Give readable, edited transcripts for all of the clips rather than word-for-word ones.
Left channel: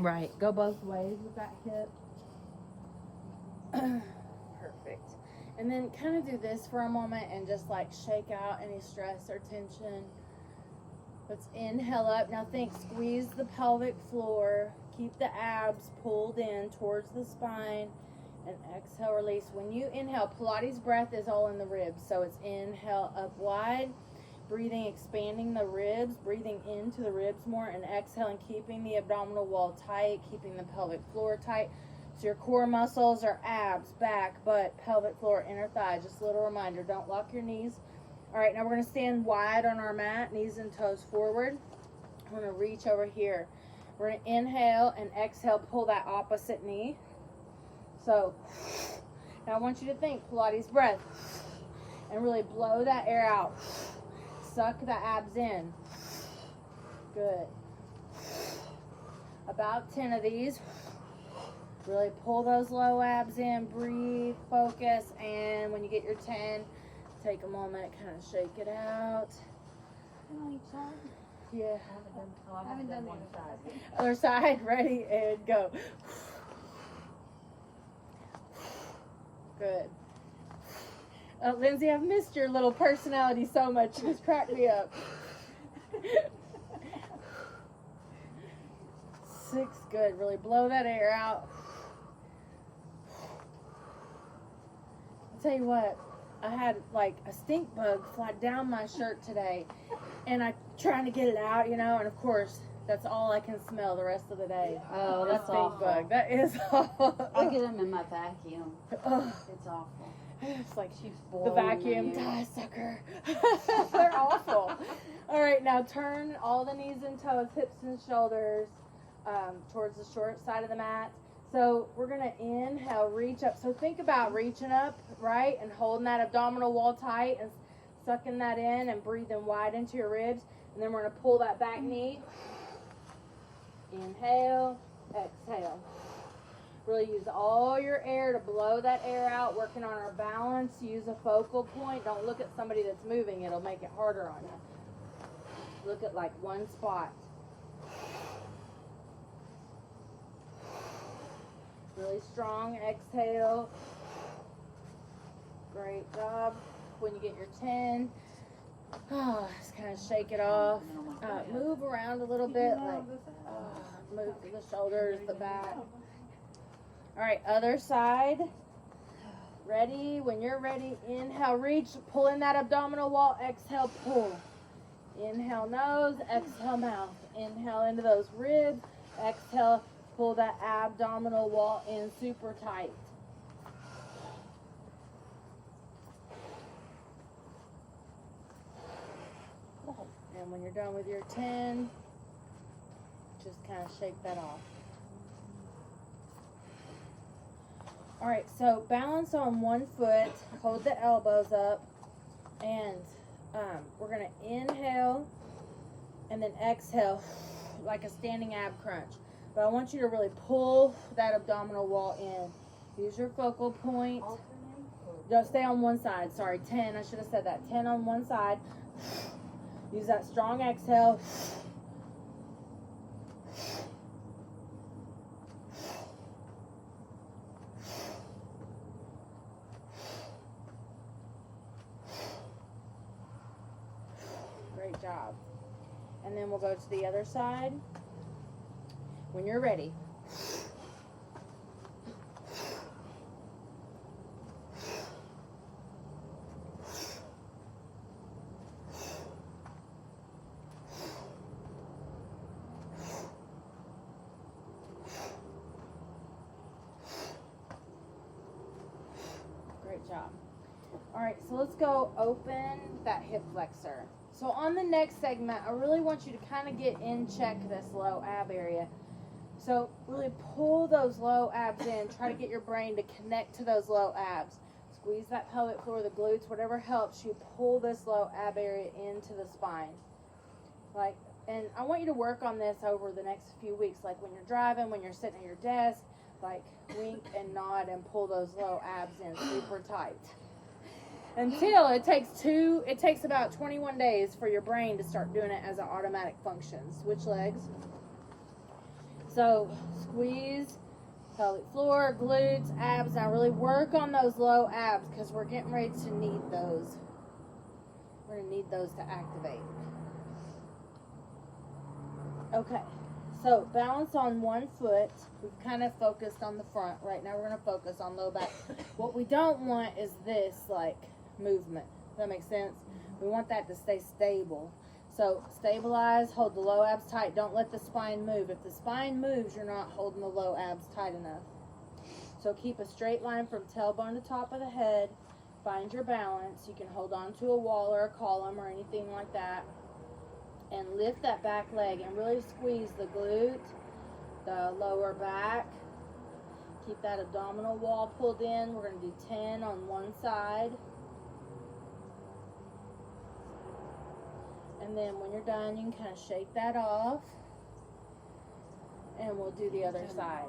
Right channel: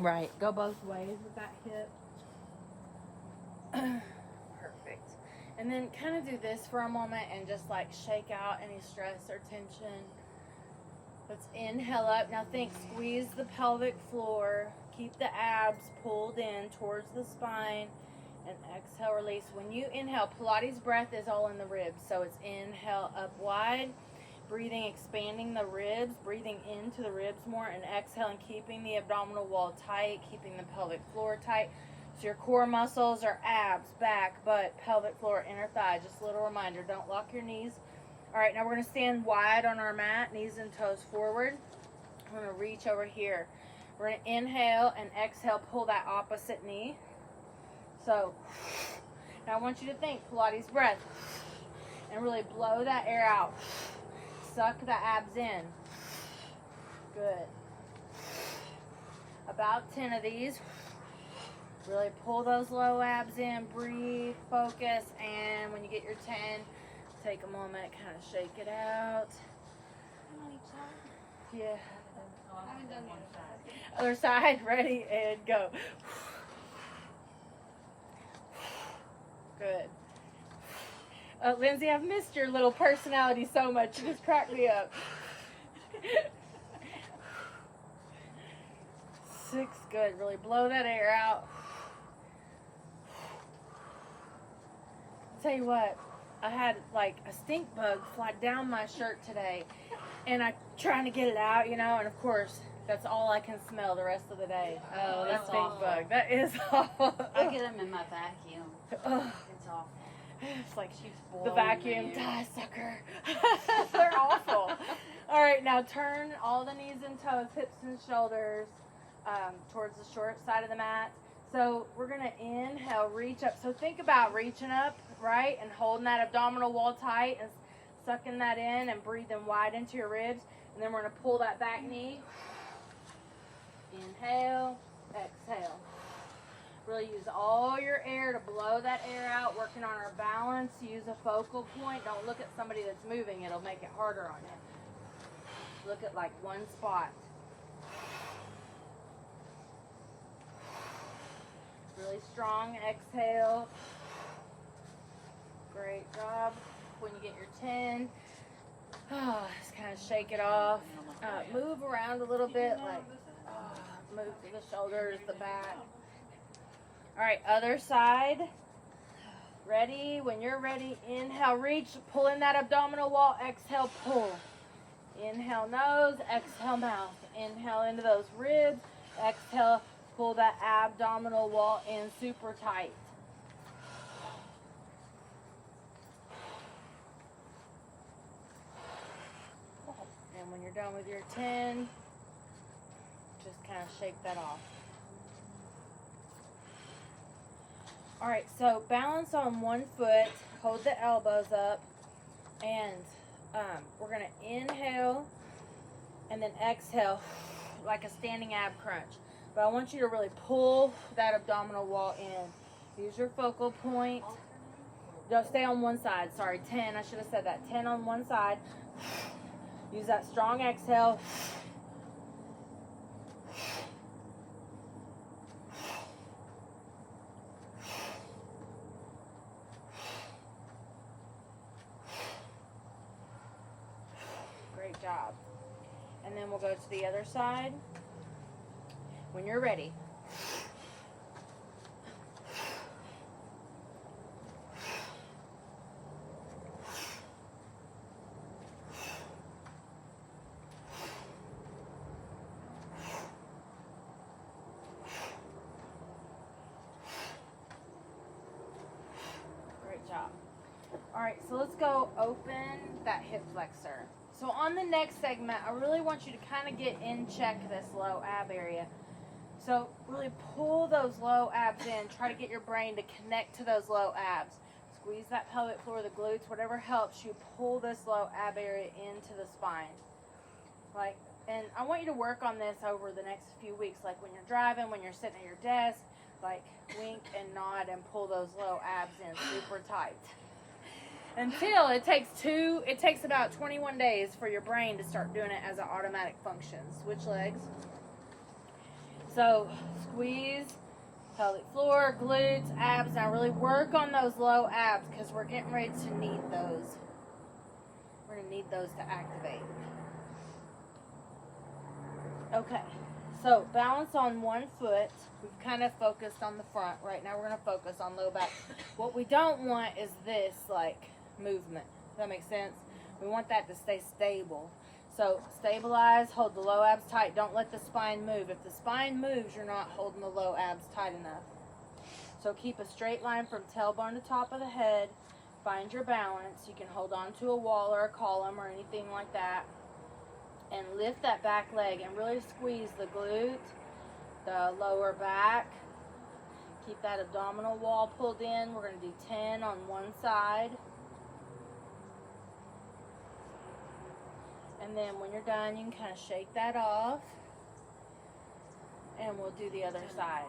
Right. Go both ways with that hip. Perfect. And then kind of do this for a moment and just like shake out any stress or tension. Let's inhale up. Now think, squeeze the pelvic floor. Keep the abs pulled in towards the spine. And exhale, release. When you inhale, Pilates breath is all in the ribs. So it's inhale up wide. Breathing, expanding the ribs. Breathing into the ribs more. And exhaling, keeping the abdominal wall tight. Keeping the pelvic floor tight. So your core muscles are abs, back, butt, pelvic floor, inner thigh. Just a little reminder, don't lock your knees. All right, now we're going to stand wide on our mat, knees and toes forward. We're going to reach over here. We're going to inhale and exhale, pull that opposite knee. So now I want you to think Pilates breath and really blow that air out. Suck the abs in. Good. About 10 of these. Really pull those low abs in, breathe, focus, and when you get your 10, take a moment, kind of shake it out. On each side? Yeah. I haven't done the other side. Other side, ready, and go. Good. Lindsay, I've missed your little personality so much. You just cracked me up. 6, good. Really blow that air out. I'll tell you what, I had like a stink bug fly down my shirt today, and I'm trying to get it out, you know, and of course, that's all I can smell the rest of the day. Oh, The that's stink awful. bug. That is awful. I get them in my vacuum. Ugh. It's awful. It's like She's the vacuum, die sucker. They're awful. All right, now turn all the knees and toes, hips and shoulders towards the short side of the mat. So we're going to inhale, reach up. So think about reaching up, right, and holding that abdominal wall tight and sucking that in and breathing wide into your ribs. And then we're going to pull that back knee. Inhale, exhale. Really use all your air to blow that air out, working on our balance. Use a focal point. Don't look at somebody that's moving. It'll make it harder on you. Look at like one spot. Really strong exhale. Great job. When you get your 10, just kind of shake it off. Move around a little bit, like move to the shoulders, the back. All right, other side. Ready? When you're ready, inhale, reach, pull in that abdominal wall, exhale, pull. Inhale, nose, exhale, mouth. Inhale into those ribs, exhale, pull that abdominal wall in super tight. And when you're done with your 10, just kind of shake that off. All right, so balance on one foot, hold the elbows up, and we're going to inhale and then exhale like a standing ab crunch. But I want you to really pull that abdominal wall in. Use your focal point. Don't stay on one side. Sorry, 10. I should have said that. 10 on one side. Use that strong exhale. Great job. And then we'll go to the other side. When you're ready. Great job. All right, so let's go open that hip flexor. So on the next segment, I really want you to kind of get in check this low ab area. So really pull those low abs in. Try to get your brain to connect to those low abs. Squeeze that pelvic floor, the glutes, whatever helps you pull this low ab area into the spine. And I want you to work on this over the next few weeks, like when you're driving, when you're sitting at your desk, like wink and nod and pull those low abs in super tight. Until it takes about 21 days for your brain to start doing it as an automatic function. Switch legs. So squeeze pelvic floor, glutes, abs. Now really work on those low abs because we're getting ready to need those. We're going to need those to activate. Okay, so balance on one foot. We've kind of focused on the front. Right now we're going to focus on low back. What we don't want is this like movement. Does that make sense? We want that to stay stable. So stabilize, hold the low abs tight. Don't let the spine move. If the spine moves, you're not holding the low abs tight enough. So keep a straight line from tailbone to top of the head. Find your balance. You can hold on to a wall or a column or anything like that. And lift that back leg and really squeeze the glute, the lower back. Keep that abdominal wall pulled in. We're going to do 10 on one side. And then when you're done, you can kind of shake that off. And we'll do the other side.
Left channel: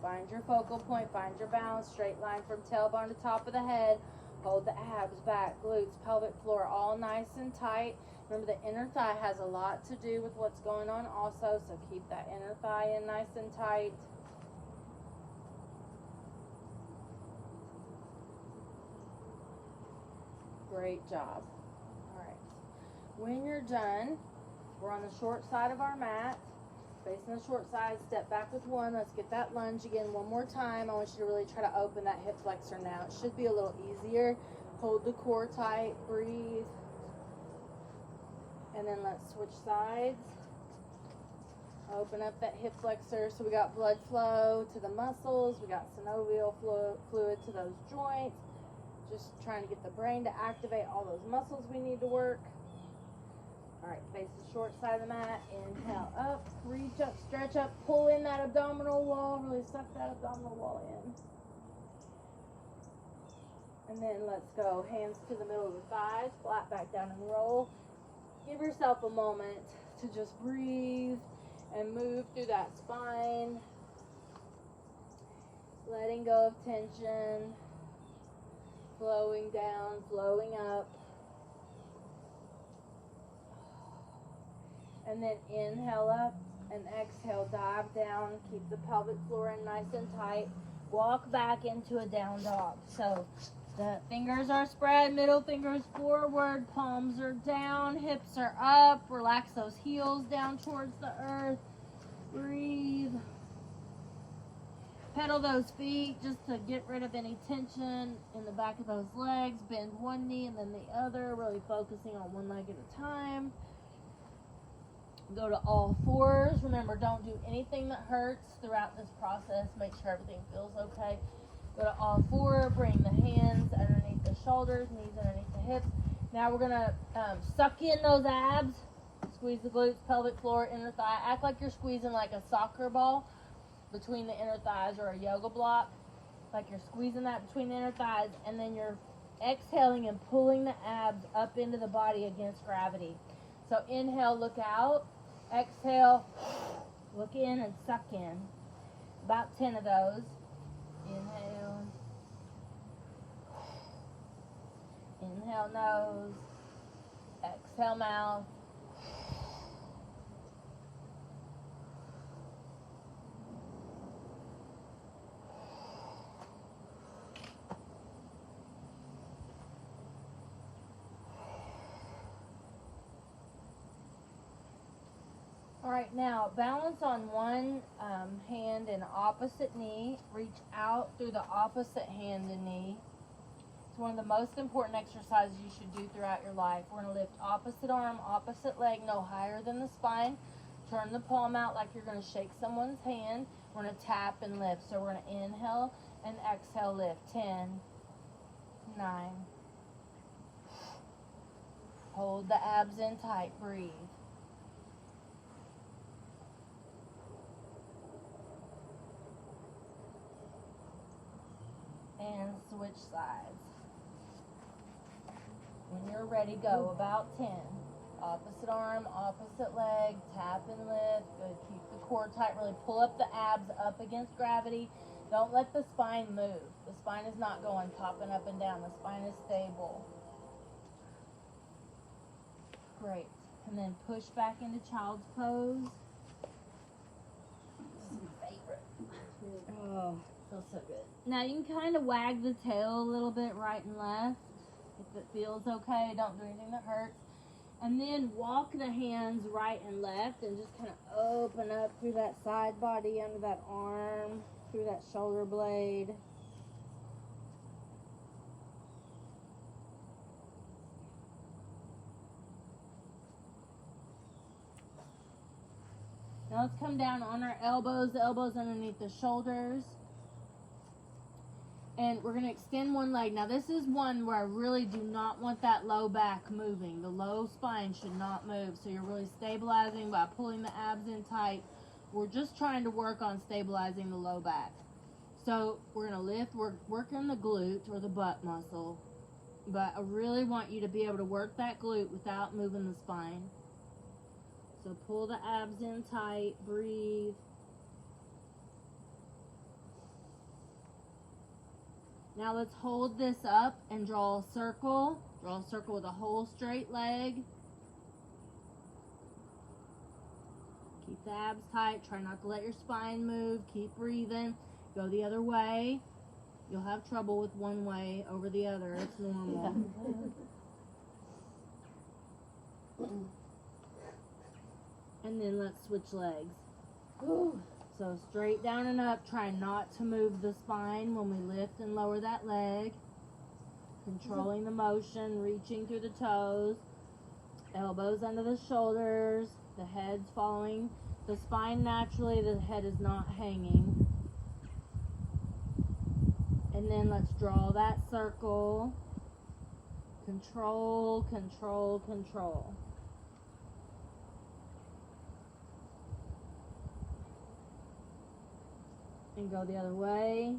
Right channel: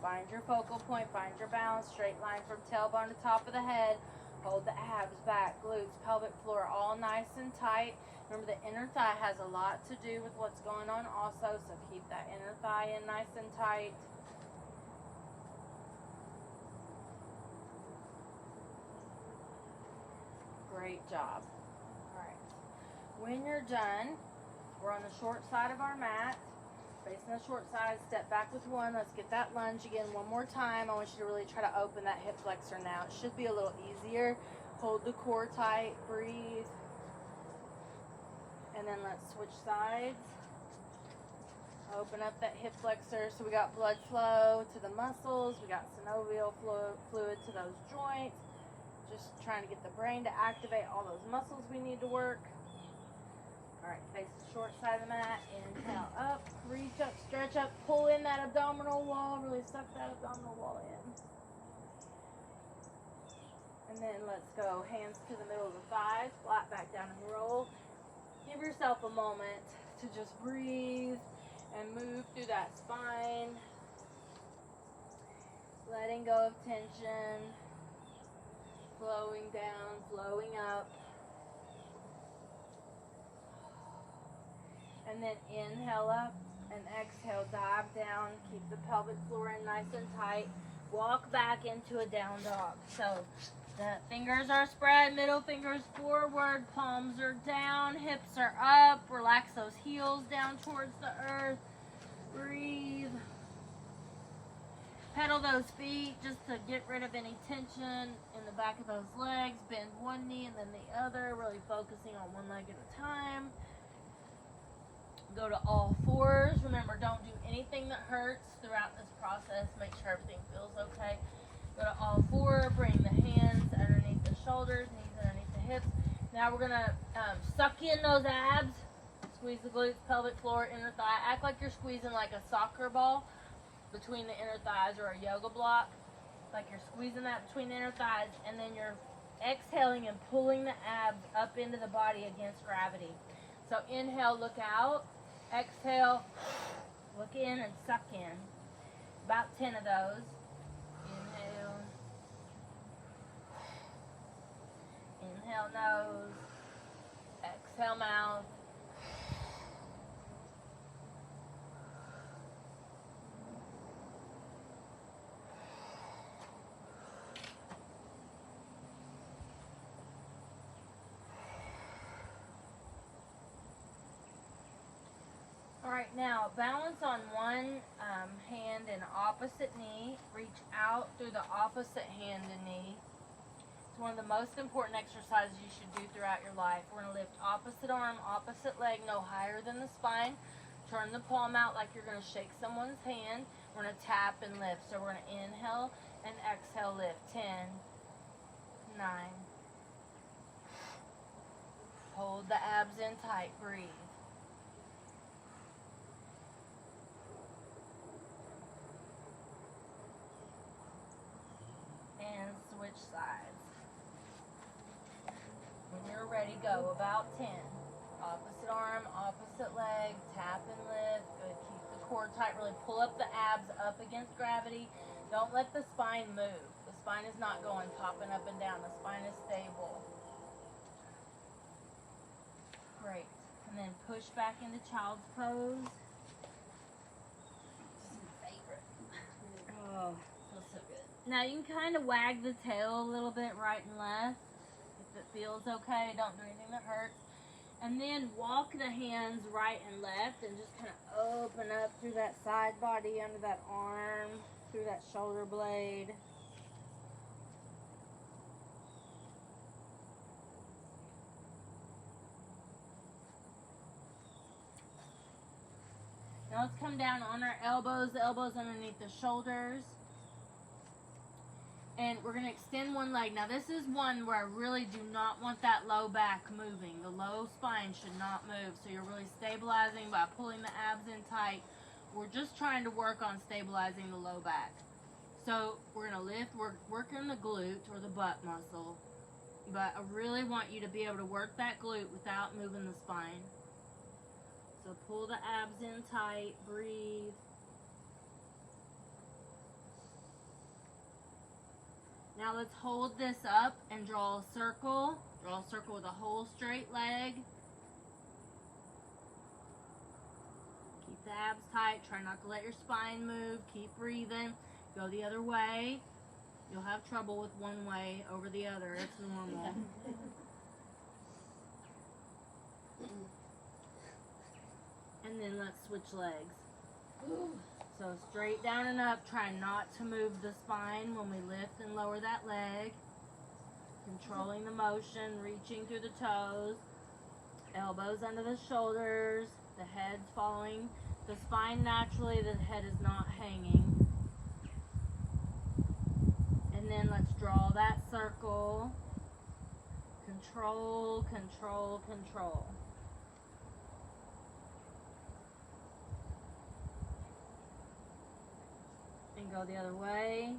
Find your focal point, find your balance, straight line from tailbone to top of the head. Hold the abs, back, glutes, pelvic floor, all nice and tight. Remember, the inner thigh has a lot to do with what's going on also, so keep that inner thigh in nice and tight. Great job. All right. When you're done, we're on the short side of our mat. Facing the short side, step back with one. Let's get that lunge again one more time. I want you to really try to open that hip flexor now. It should be a little easier. Hold the core tight, breathe. And then let's switch sides. Open up that hip flexor. So we got blood flow to the muscles. We got synovial fluid to those joints. Just trying to get the brain to activate all those muscles we need to work. All right, face the short side of the mat. Inhale up, reach up, stretch up, pull in that abdominal wall. Really suck that abdominal wall in. And then let's go hands to the middle of the thighs, flat back down and roll. Give yourself a moment to just breathe and move through that spine. Letting go of tension. Flowing down, flowing up. And then inhale up and exhale, dive down. Keep the pelvic floor in nice and tight. Walk back into a down dog. So the fingers are spread, middle fingers forward, palms are down, hips are up. Relax those heels down towards the earth. Breathe. Pedal those feet just to get rid of any tension in the back of those legs. Bend one knee and then the other, really focusing on one leg at a time. Go to all fours. Remember, don't do anything that hurts throughout this process. Make sure everything feels okay. Go to all four. Bring the hands underneath the shoulders, knees underneath the hips. Now we're going to suck in those abs. Squeeze the glutes, pelvic floor, inner thigh. Act like you're squeezing like a soccer ball between the inner thighs or a yoga block. Like you're squeezing that between the inner thighs. And then you're exhaling and pulling the abs up into the body against gravity. So inhale, look out. Exhale, look in and suck in. About 10 of those. Inhale. Inhale nose. Exhale mouth. All right, now balance on one hand and opposite knee. Reach out through the opposite hand and knee. It's one of the most important exercises you should do throughout your life. We're going to lift opposite arm, opposite leg, no higher than the spine. Turn the palm out like you're going to shake someone's hand. We're going to tap and lift. So we're going to inhale and exhale, lift. 10, 9. Hold the abs in tight. Breathe. And switch sides. When you're ready, go. About 10. Opposite arm, opposite leg, tap and lift. Good. Keep the core tight. Really pull up the abs up against gravity. Don't let the spine move. The spine is not going popping up and down. The spine is stable. Great. And then push back into child's pose. Feels so good. Now you can kind of wag the tail a little bit right and left. If it feels okay, don't do anything that hurts. And then walk the hands right and left and just kind of open up through that side body, under that arm, through that shoulder blade. Now let's come down on our elbows, the elbows underneath the shoulders. And we're going to extend one leg. Now this is one where I really do not want that low back moving. The low spine should not move. So you're really stabilizing by pulling the abs in tight. We're just trying to work on stabilizing the low back. So we're going to lift, we're working the glute or the butt muscle. But I really want you to be able to work that glute without moving the spine. So pull the abs in tight, breathe. Now let's hold this up and draw a circle. Draw a circle with a whole straight leg. Keep the abs tight. Try not to let your spine move. Keep breathing. Go the other way. You'll have trouble with one way over the other. It's normal. And then let's switch legs. So straight down and up, try not to move the spine when we lift and lower that leg. Controlling the motion, reaching through the toes. Elbows under the shoulders. The head's following the spine naturally. The head is not hanging. And then let's draw that circle. Control, control, control. And go the other way.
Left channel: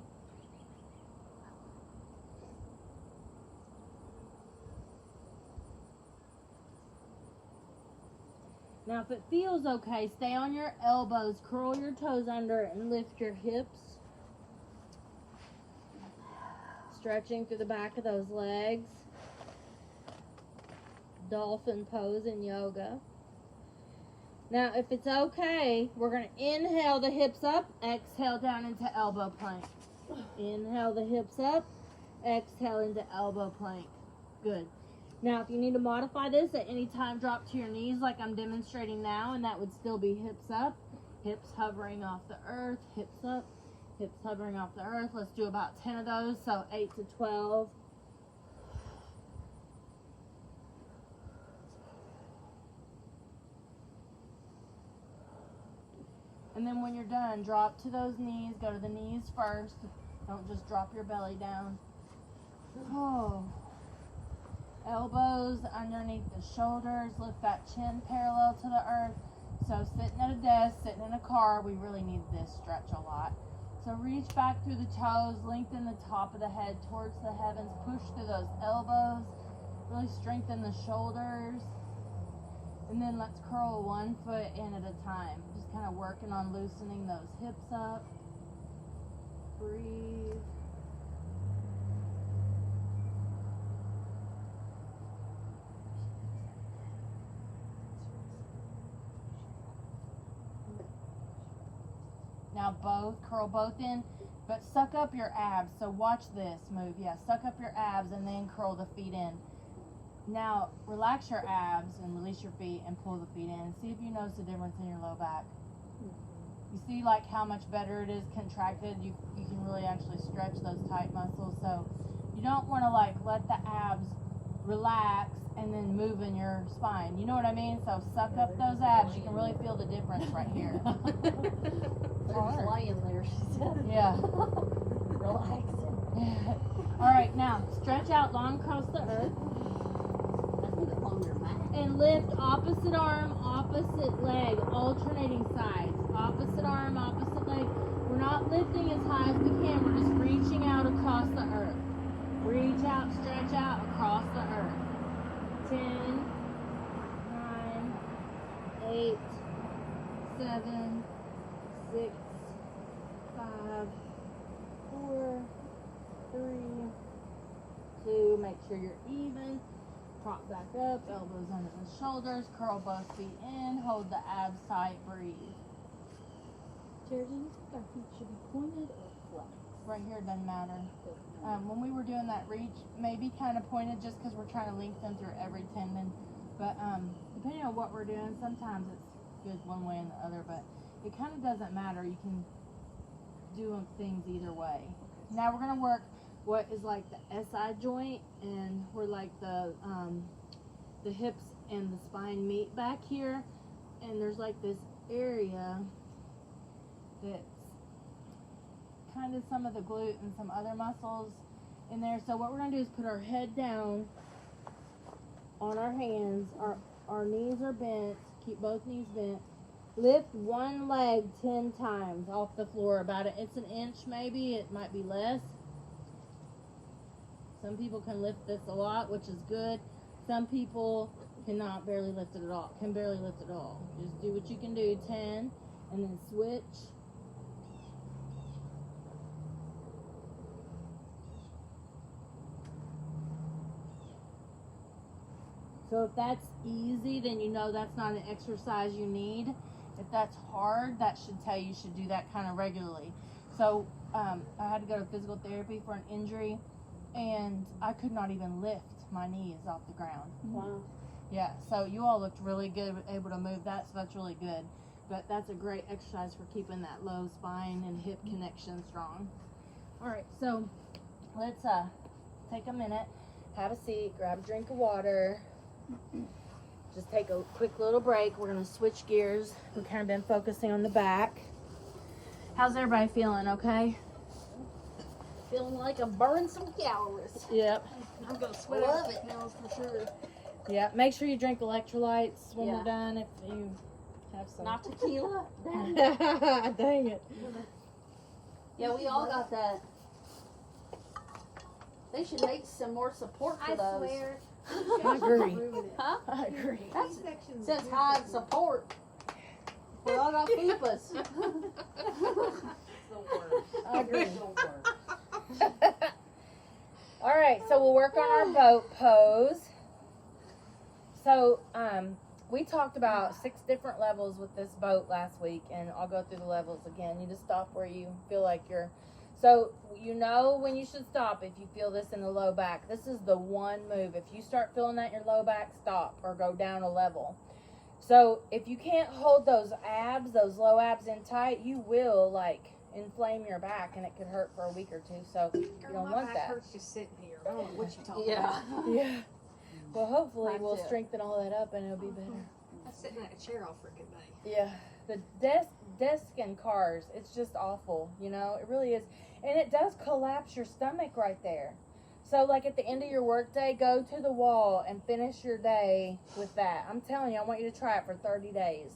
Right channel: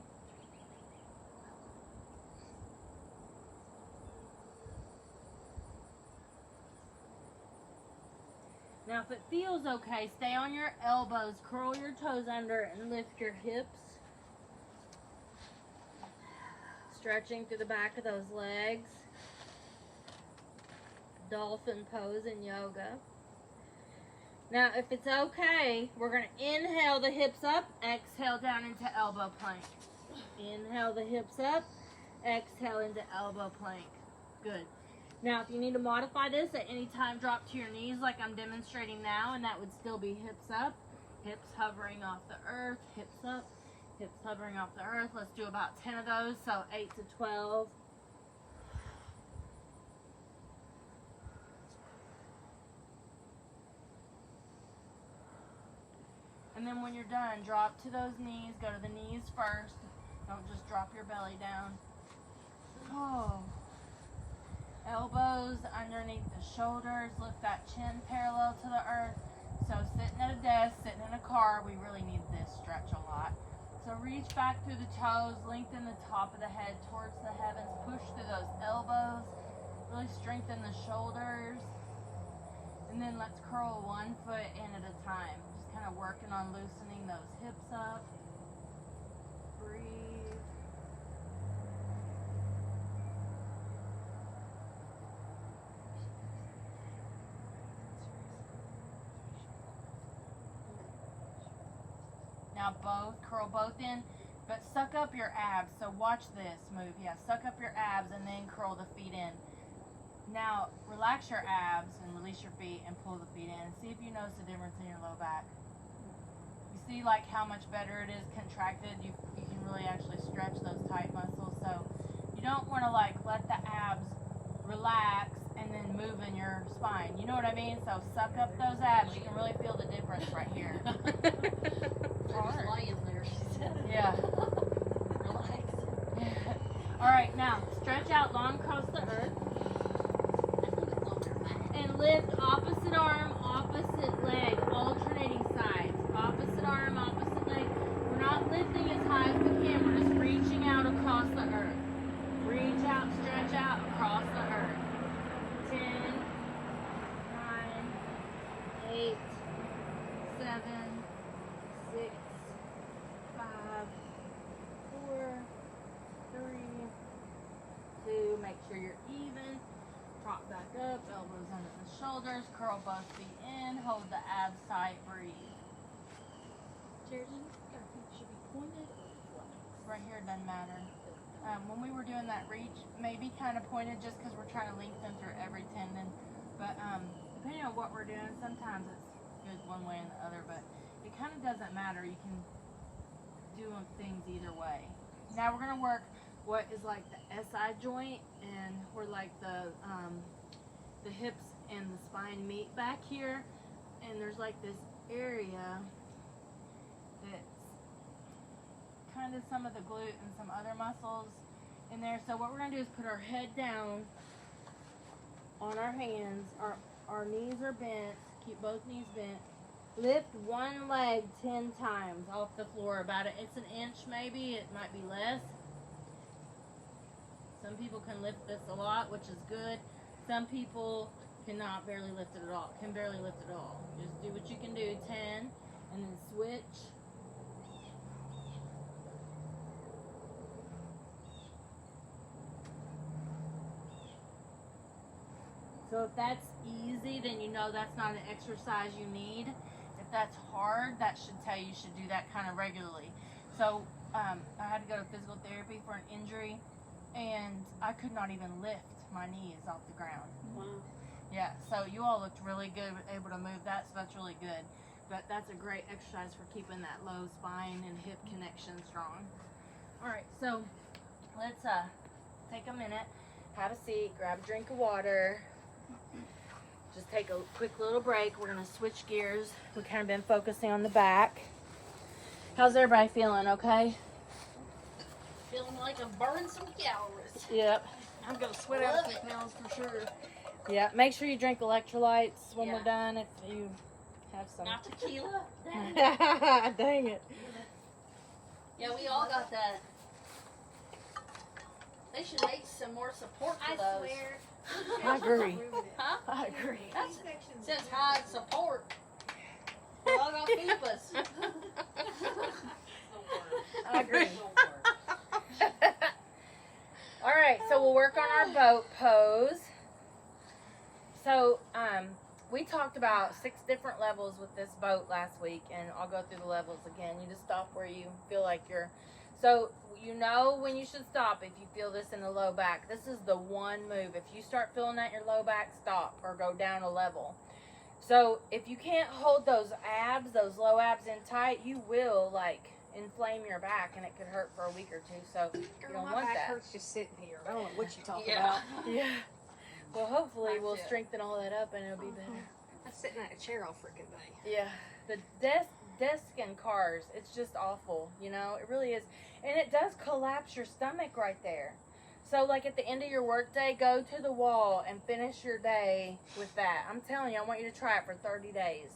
Now if it feels okay, stay on your elbows, curl your toes under and lift your hips. Stretching through the back of those legs. Dolphin pose in yoga. Now, if it's okay, we're going to inhale the hips up, exhale down into elbow plank. Inhale the hips up, exhale into elbow plank. Good. Now, if you need to modify this at any time, drop to your knees like I'm demonstrating now, and that would still be hips up, hips hovering off the earth, hips up, hips hovering off the earth. Let's do about 10 of those, so 8 to 12. And then when you're done, drop to those knees. Go to the knees first. Don't just drop your belly down. Oh. Elbows underneath the shoulders. Lift that chin parallel to the earth. So sitting at a desk, sitting in a car, we really need this stretch a lot. So reach back through the toes. Lengthen the top of the head towards the heavens. Push through those elbows. Really strengthen the shoulders. And then let's curl one foot in at a time. Just kind of working on loosening those hips up. Breathe. Now curl both in, but suck up your abs. So watch this move. Yeah, suck up your abs and then curl the feet in. Now, relax your abs and release your feet and pull the feet in. And see if you notice the difference in your low back. You see like how much better it is contracted. You can really actually stretch those tight muscles. So you don't want to like let the abs relax and then move in your spine. You know what I mean? So suck up those abs. You can really feel the difference right here. Just laying there, she said. Yeah. Relaxing. All right, now stretch out long across the earth. And lift opposite arm, opposite leg, alternating sides. Opposite arm, opposite leg. We're not lifting as high as we can. We're just reaching out across the earth. Reach out, stretch out across the earth. 10, 9, 8, 7, 6, 5, 4, 3, 2. Make sure you're even. Prop back up, elbows under the shoulders, curl both feet in, hold the abs tight, breathe. Jordan, our feet should be pointed or flat? right here doesn't matter. When we were doing that reach, maybe kind of pointed just because we're trying to lengthen through every tendon. But depending on what we're doing, sometimes it's good one way and the other, but it kind of doesn't matter. You can do things either way. Now we're going to work what is like the SI joint, and where like the hips and the spine meet back here, and there's like this area that's kind of some of the glute and some other muscles in there. So what we're going to do is put our head down on our hands. Our knees are bent. Keep both knees bent. Lift one leg 10 times off the floor. It's an inch maybe. It might be less. Some people can lift this a lot, which is good. Some people can barely lift it at all. Just do what you can do. 10, and then switch. So if that's easy, then you know that's not an exercise you need. If that's hard, that should tell you should do that kind of regularly. So I had to go to physical therapy for an injury, and I could not even lift my knees off the ground. Wow. Yeah, so you all looked really good, able to move that, so that's really good. But that's a great exercise for keeping that low spine and hip connection strong. All right, so let's take a minute, have a seat, grab a drink of water. Just take a quick little break. We're going to switch gears. We've kind of been focusing on the back. How's everybody feeling, okay? Feeling like I'm burning some calories. Yep. I'm going to sweat out it now for sure. Yeah, make sure you drink electrolytes when Yeah. we're done if you have some. Not tequila. Dang it. Yeah, we all got that. They should make some more support for those. swear. I agree. Huh? I agree. That's, since high support, we all got fupas. I agree. All right, so we'll work on our boat pose. So, we talked about 6 different levels with this boat last week, and I'll go through the levels again. You just stop where you feel like you're. So, you know when you should stop if you feel this in the low back. This is the one move. If you start feeling that in your low back, stop or go down a level. So, if you can't hold those abs, those low abs in tight, you will like inflame your back, and it could hurt for a week or two. So, you don't want My back that. hurts just sitting here. I don't know what you're talking Yeah. about. Yeah. Well, hopefully That's we'll it. strengthen all that up and it'll be better. I'm sitting in a chair all freaking day. Yeah. The desk in cars, it's just awful, you know? It really is. And it does collapse your stomach right there. So, like, at the end of your workday, go to the wall and finish your day with that. I'm telling you, I want you to try it for 30 days.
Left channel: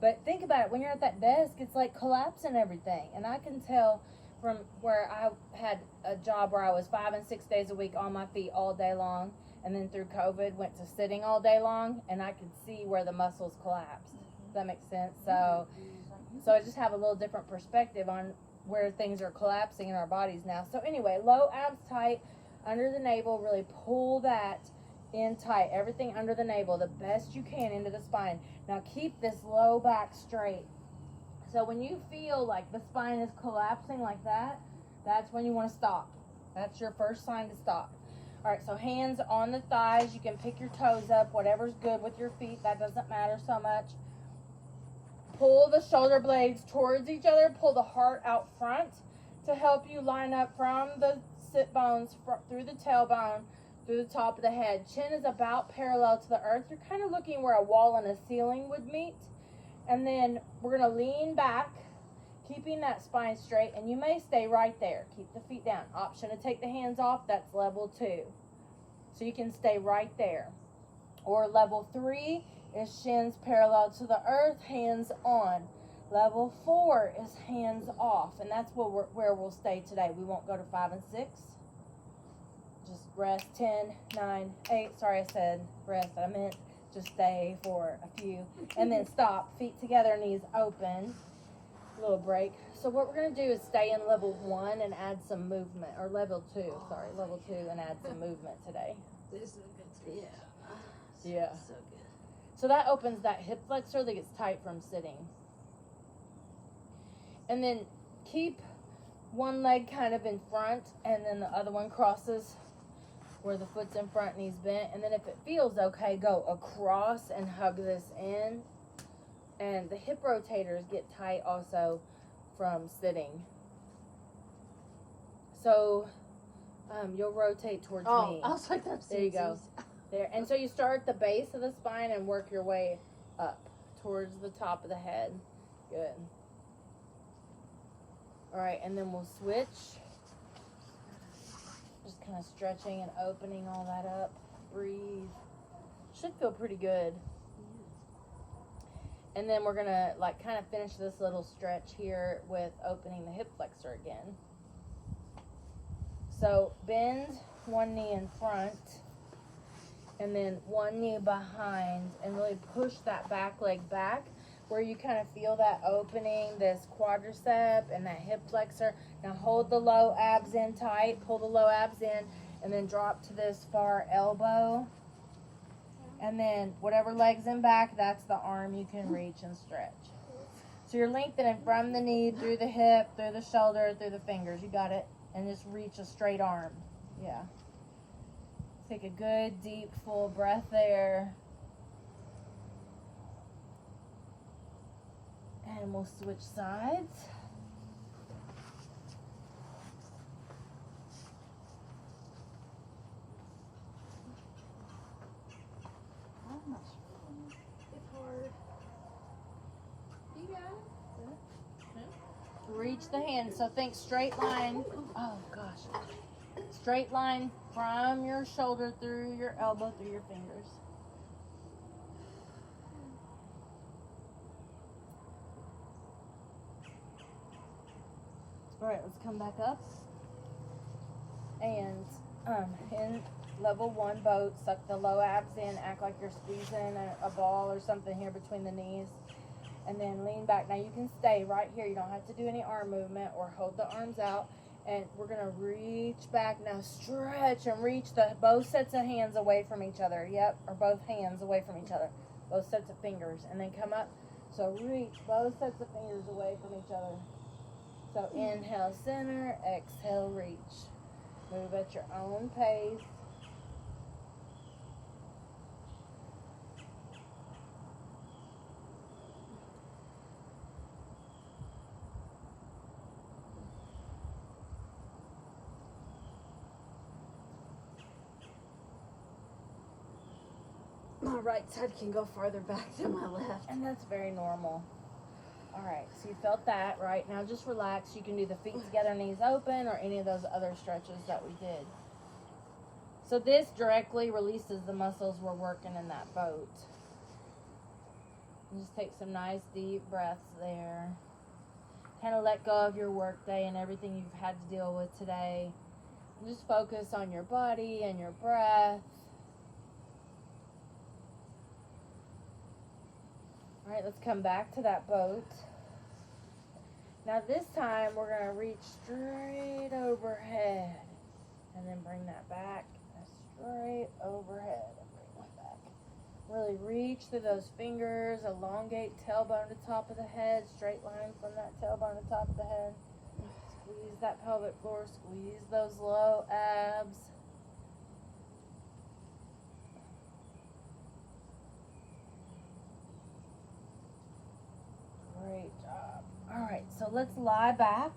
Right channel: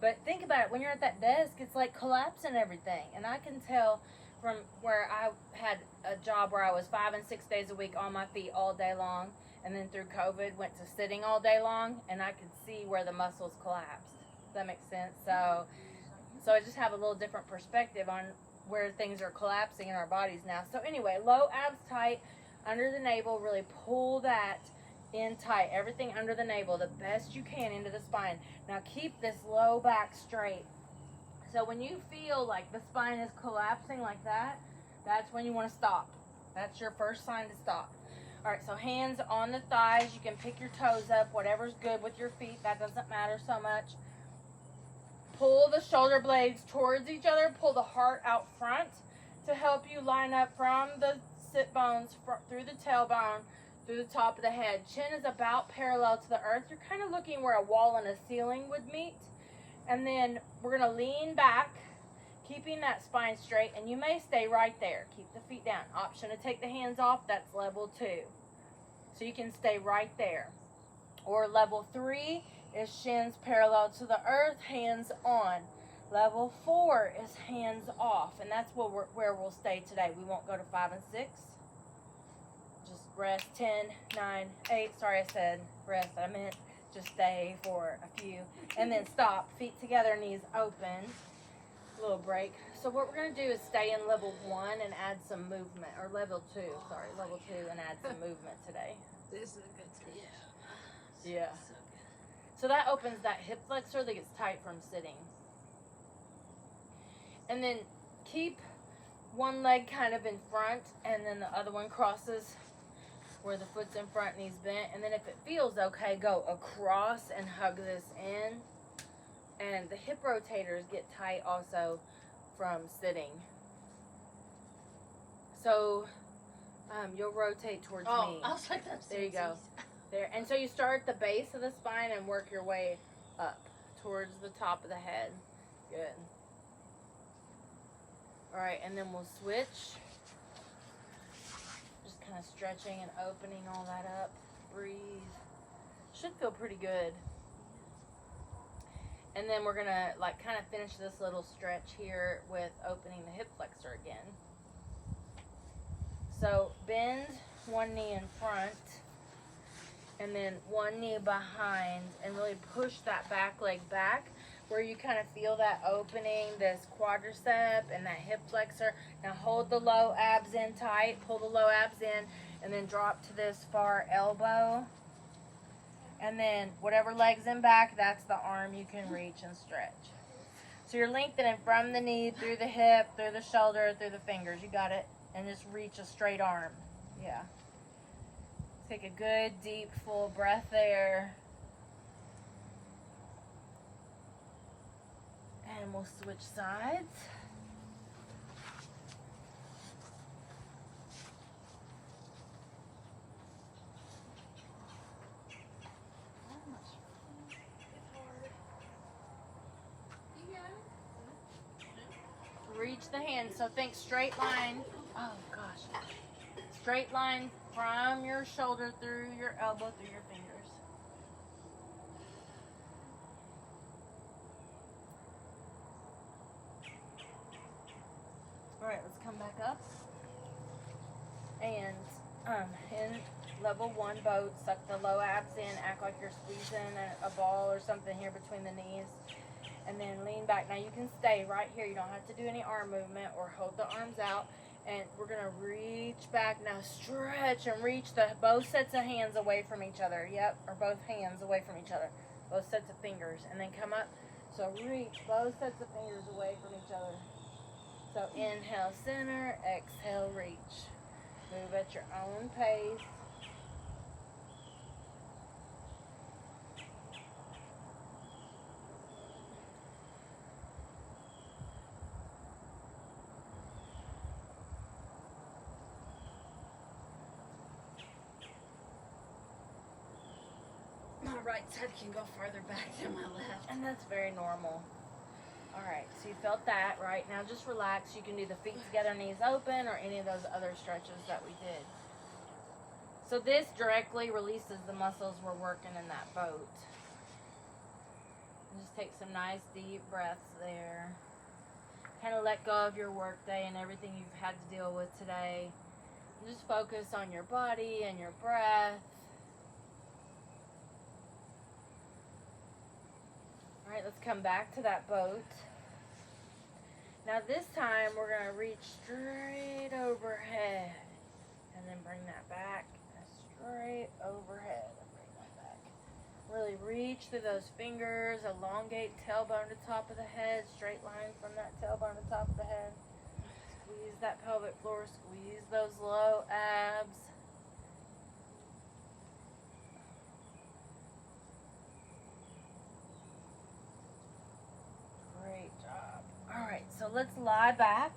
But think about it. When you're at that desk, it's like collapsing everything. And I can tell from where I had a job where I was 5 and 6 days a week on my feet all day long. And then through COVID, went to sitting all day long. And I could see where the muscles collapsed. Does that make sense? So I just have a little different perspective on where things are collapsing in our bodies now. So anyway, low abs tight, under the navel, really pull that in tight. Everything under the navel, the best you can into the spine. Now keep this low back straight. So when you feel like the spine is collapsing like that, that's when you want to stop. That's your first sign to stop. All right, so hands on the thighs. You can pick your toes up, whatever's good with your feet. That doesn't matter so much. Pull the shoulder blades towards each other. Pull the heart out front to help you line up from the sit bones through the tailbone, through the top of the head. Chin is about parallel to the earth. You're kind of looking where a wall and a ceiling would meet. And then we're going to lean back, keeping that spine straight. And you may stay right there. Keep the feet down. Option to take the hands off, that's level 2. So you can stay right there. Or level 3 is shins parallel to the earth, hands on. Level 4 is hands off, and that's where we'll stay today. We won't go to 5 and 6. Just rest. 10, 9, 8. Sorry, I said rest. I meant just stay for a few. And then stop. Feet together, knees open. A little break. So what we're going to do is stay in level 1 and add some movement. Or level 2, sorry. Level 2 and add some movement today. This is a good stretch. Yeah. So good. So that opens that hip flexor that gets tight from sitting. And then keep one leg kind of in front, and then the other one crosses where the foot's in front and he's bent. And then if it feels okay, go across and hug this in. And the hip rotators get tight also from sitting. So you'll rotate towards me. I was like, that's There you go. There. And so you start at the base of the spine and work your way up towards the top of the head. Good. All right, and then we'll switch. Just kind of stretching and opening all that up. Breathe. Should feel pretty good. And then we're gonna like kind of finish this little stretch here with opening the hip flexor again. So bend one knee in front and then one knee behind, and really push that back leg back where you kind of feel that opening, this quadricep and that hip flexor. Now hold the low abs in tight, pull the low abs in, and then drop to this far elbow. And then whatever leg's in back, that's the arm you can reach and stretch. So you're lengthening from the knee, through the hip, through the shoulder, through the fingers. You got it. And just reach a straight arm. Yeah. Take a good, deep, full breath there. And we'll switch sides. Reach the hand. So think straight line. Oh gosh. Straight line from your shoulder through your elbow, through your fingers. All right, let's come back up. And in level 1 boat, suck the low abs in, act like you're squeezing a ball or something here between the knees. And then lean back. Now you can stay right here. You don't have to do any arm movement or hold the arms out. And we're going to reach back. Now stretch and reach both sets of hands away from each other. Yep, or both hands away from each other. Both sets of fingers. And then come up. So reach both sets of fingers away from each other. So inhale, center. Exhale, reach. Move at your own pace. My right side can go farther back than my left. And that's very normal. All right, so you felt that, right? Now just relax. You can do the feet together, knees open, or any of those other stretches that we did. So this directly releases the muscles we're working in that boat. And just take some nice deep breaths there. Kind of let go of your work day and everything you've had to deal with today. And just focus on your body and your breath. All right, let's come back to that boat. Now this time we're going to reach straight overhead and then bring that back straight overhead and bring that back. Really reach through those fingers, elongate tailbone to top of the head, straight line from that tailbone to top of the head. Squeeze that pelvic floor, squeeze those low abs. Great job. All right, so let's lie back.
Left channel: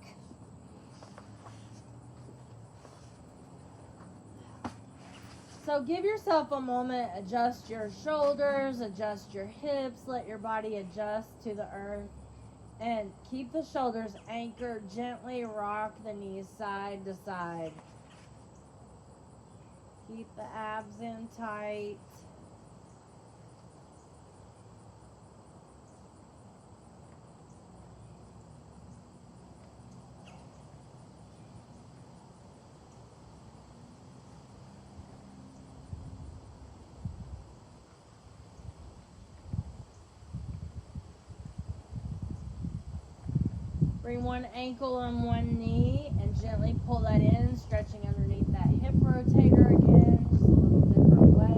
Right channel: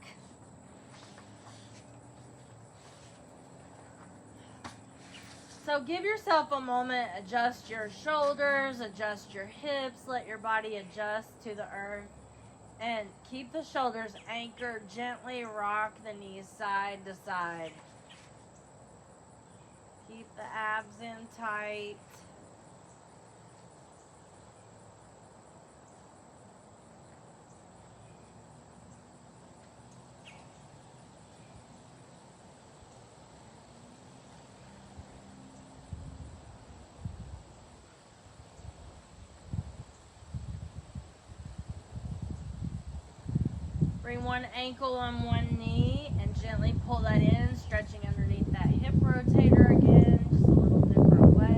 So give yourself a moment, adjust your shoulders, adjust your hips, let your body adjust to the earth, and keep the shoulders anchored, gently rock the knees side to side. Keep the abs in tight. Bring one ankle on one knee and gently pull that in, stretching underneath that hip rotator again, just a little different way.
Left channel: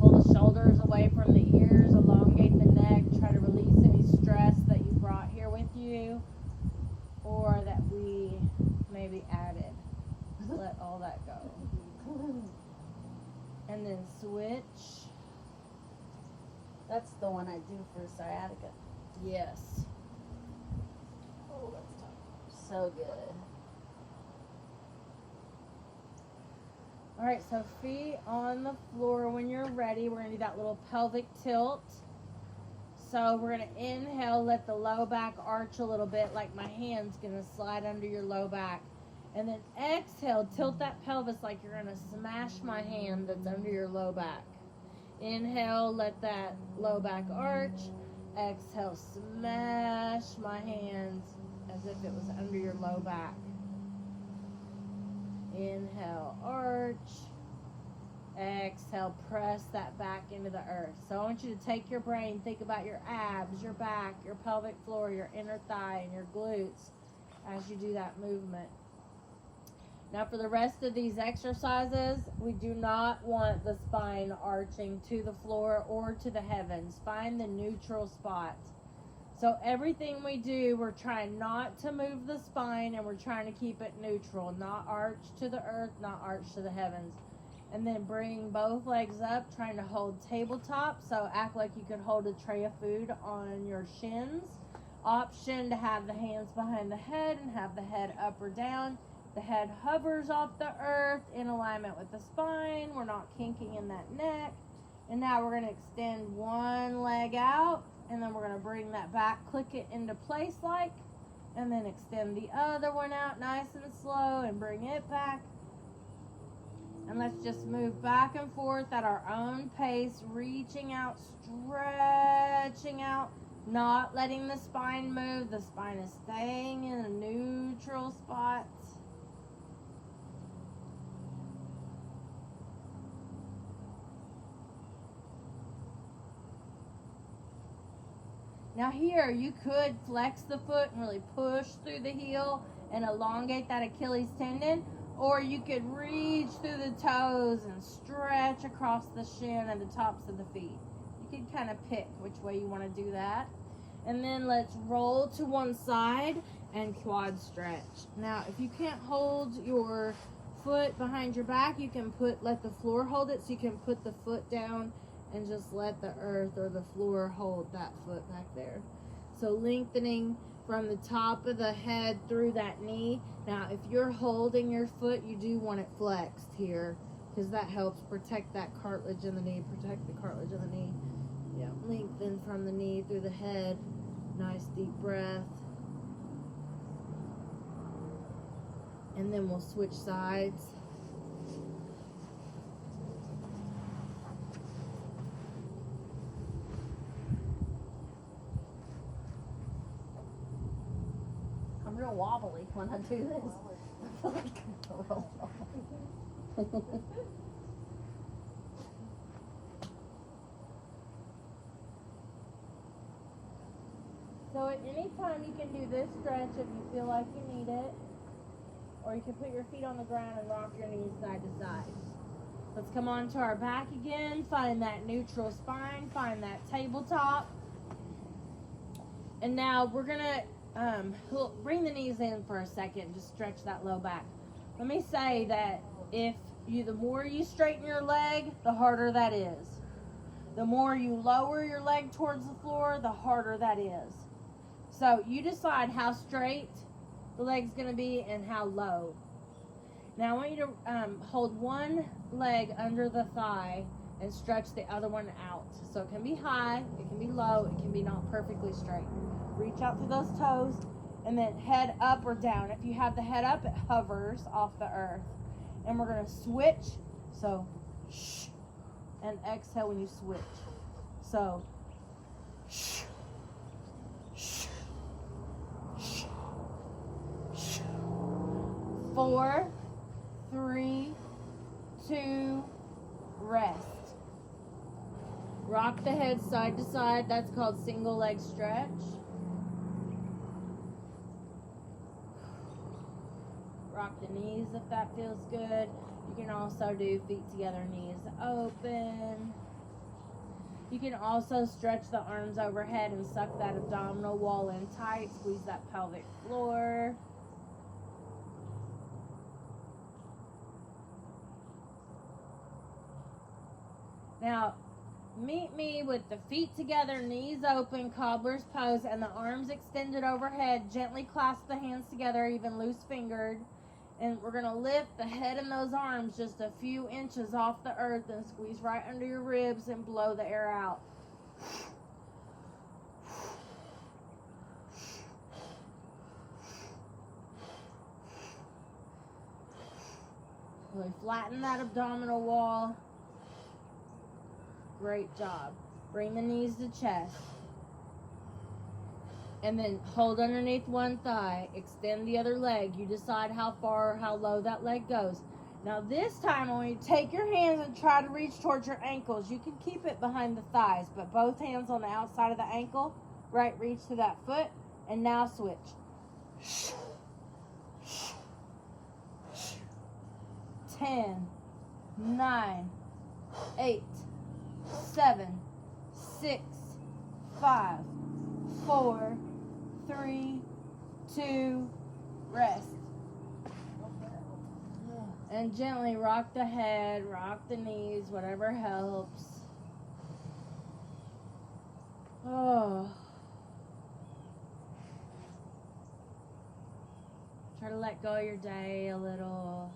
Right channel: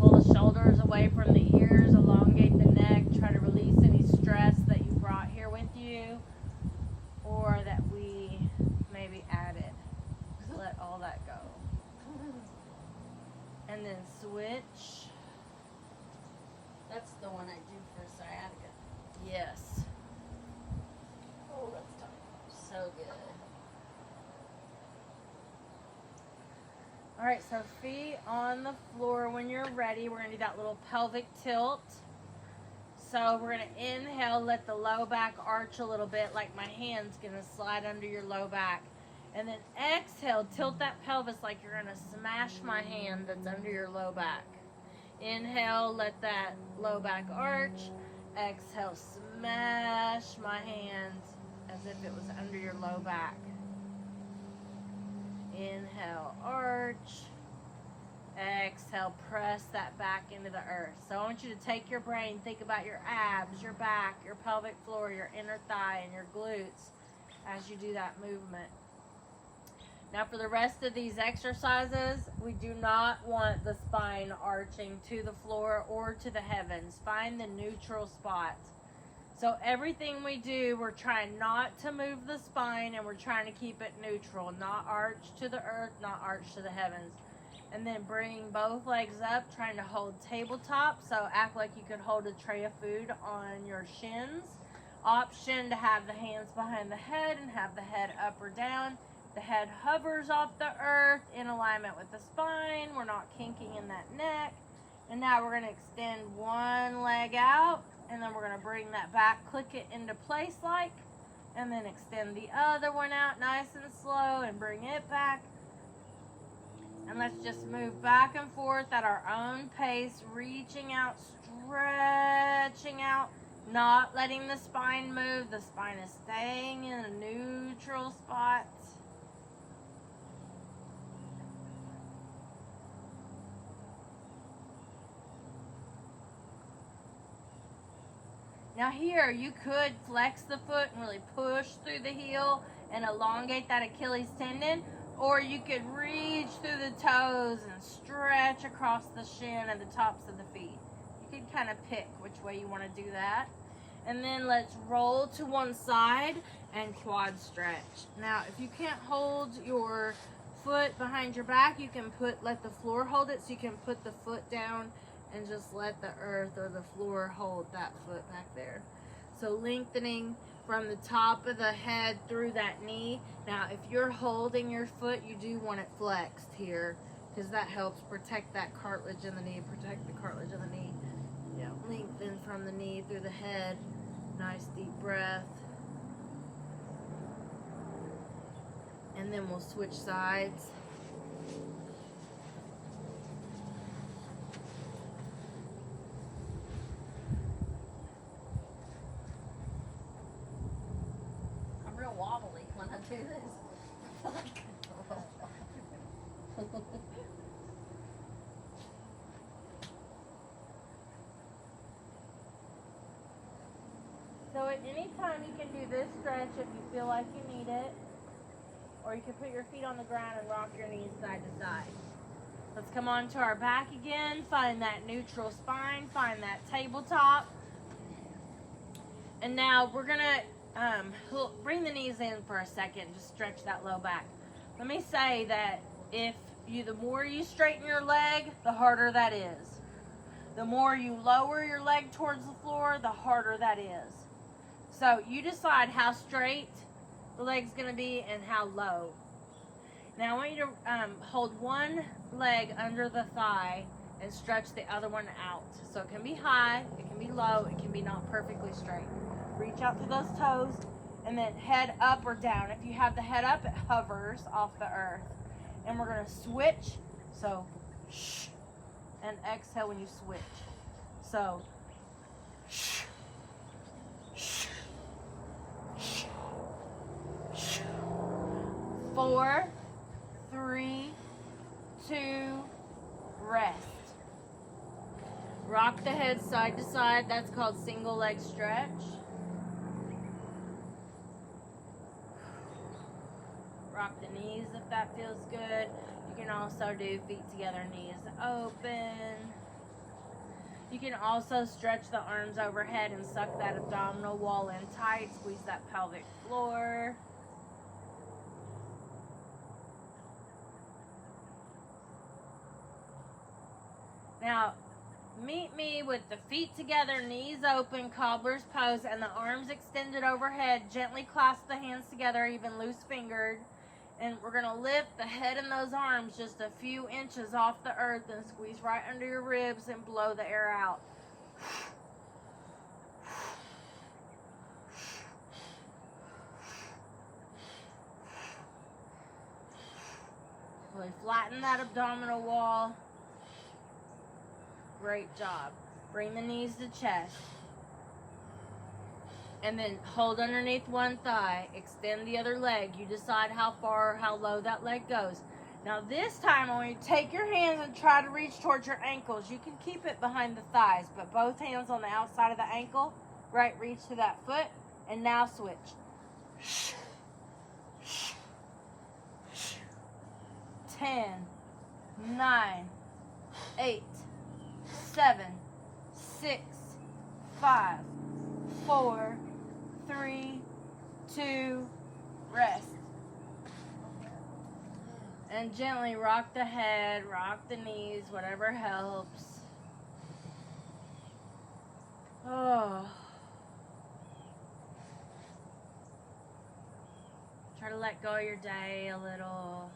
Pull the shoulders away from the ears, elongate the neck, try to release any stress that you brought here with you. or that we maybe added. Just let all that go. And then switch. That's the one I do for sciatica. Yes. Oh, that's tough. So good. All right, so feet on the floor. When you're ready, we're gonna do that little pelvic tilt. So we're gonna inhale, let the low back arch a little bit, like my hand's gonna slide under your low back. And then exhale, tilt that pelvis like you're gonna smash my hand that's under your low back. Inhale, let that low back arch. Exhale, smash my hand as if it was under your low back. Inhale, arch. Exhale, press that back into the earth. So I want you to take your brain, think about your abs, your back, your pelvic floor, your inner thigh, and your glutes as you do that movement. Now for the rest of these exercises, we do not want the spine arching to the floor or to the heavens. Find the neutral spot. So everything we do, we're trying not to move the spine, and we're trying to keep it neutral, not arch to the earth, not arch to the heavens. And then bring both legs up, trying to hold tabletop. So act like you could hold a tray of food on your shins. Option to have the hands behind the head and have the head up or down. The head hovers off the earth in alignment with the spine. We're not kinking in that neck. And now we're going to extend one leg out, and then we're going to bring that back, click it into place like, and then extend the other one out nice and slow and bring it back. And let's just move back and forth at our own pace, reaching out, stretching out, not letting the spine move. The spine is staying in a neutral spot. Now here, you could flex the foot and really push through the heel and elongate that Achilles tendon, or you could reach through the toes and stretch across the shin and the tops of the feet. You can kind of pick which way you want to do that. And then let's roll to one side and quad stretch. Now, if you can't hold your foot behind your back, you can let the floor hold it, so you can put the foot down and just let the earth or the floor hold that foot back there. So lengthening from the top of the head through that knee. Now, if you're holding your foot, you do want it flexed here, because that helps protect that cartilage in the knee, protect the cartilage of the knee. Yeah, lengthen from the knee through the head. Nice deep breath. And then we'll switch sides. I'm real wobbly when I do this. So at any time you can do this stretch if you feel like you need it. Or you can put your feet on the ground and rock your knees side to side. Let's come on to our back again. Find that neutral spine. Find that tabletop. And now we're going to bring the knees in for a second. Just stretch that low back. Let me say that the more you straighten your leg, the harder that is. The more you lower your leg towards the floor, the harder that is. So you decide how straight the leg's going to be and how low. Now I want you to hold one leg under the thigh and stretch the other one out. So it can be high, it can be low, it can be not perfectly straight. Reach out through those toes and then head up or down. If you have the head up, it hovers off the earth. And we're going to switch. So shh, and exhale when you switch. So shh, shh, shh, shh. 4, 3, 2, rest. Rock the head side to side. That's called single leg stretch. Rock the knees if that feels good. You can also do feet together, knees open. You can also stretch the arms overhead and suck that abdominal wall in tight. Squeeze that pelvic floor. Now, meet me with the feet together, knees open, cobbler's pose, and the arms extended overhead. Gently clasp the hands together, even loose fingered. And we're going to lift the head and those arms just a few inches off the earth and squeeze right under your ribs and blow the air out. Really flatten that abdominal wall. Great job. Bring the knees to chest. And then hold underneath one thigh. Extend the other leg. You decide how far or how low that leg goes. Now this time I want you to take your hands and try to reach towards your ankles. You can keep it behind the thighs, but both hands on the outside of the ankle. Right, reach to that foot. And now switch. 10, 9, 8, 7, 6, 5, 4, 3, 2, rest. And gently rock the head, rock the knees, whatever helps. Oh. Try to let go of your day a little.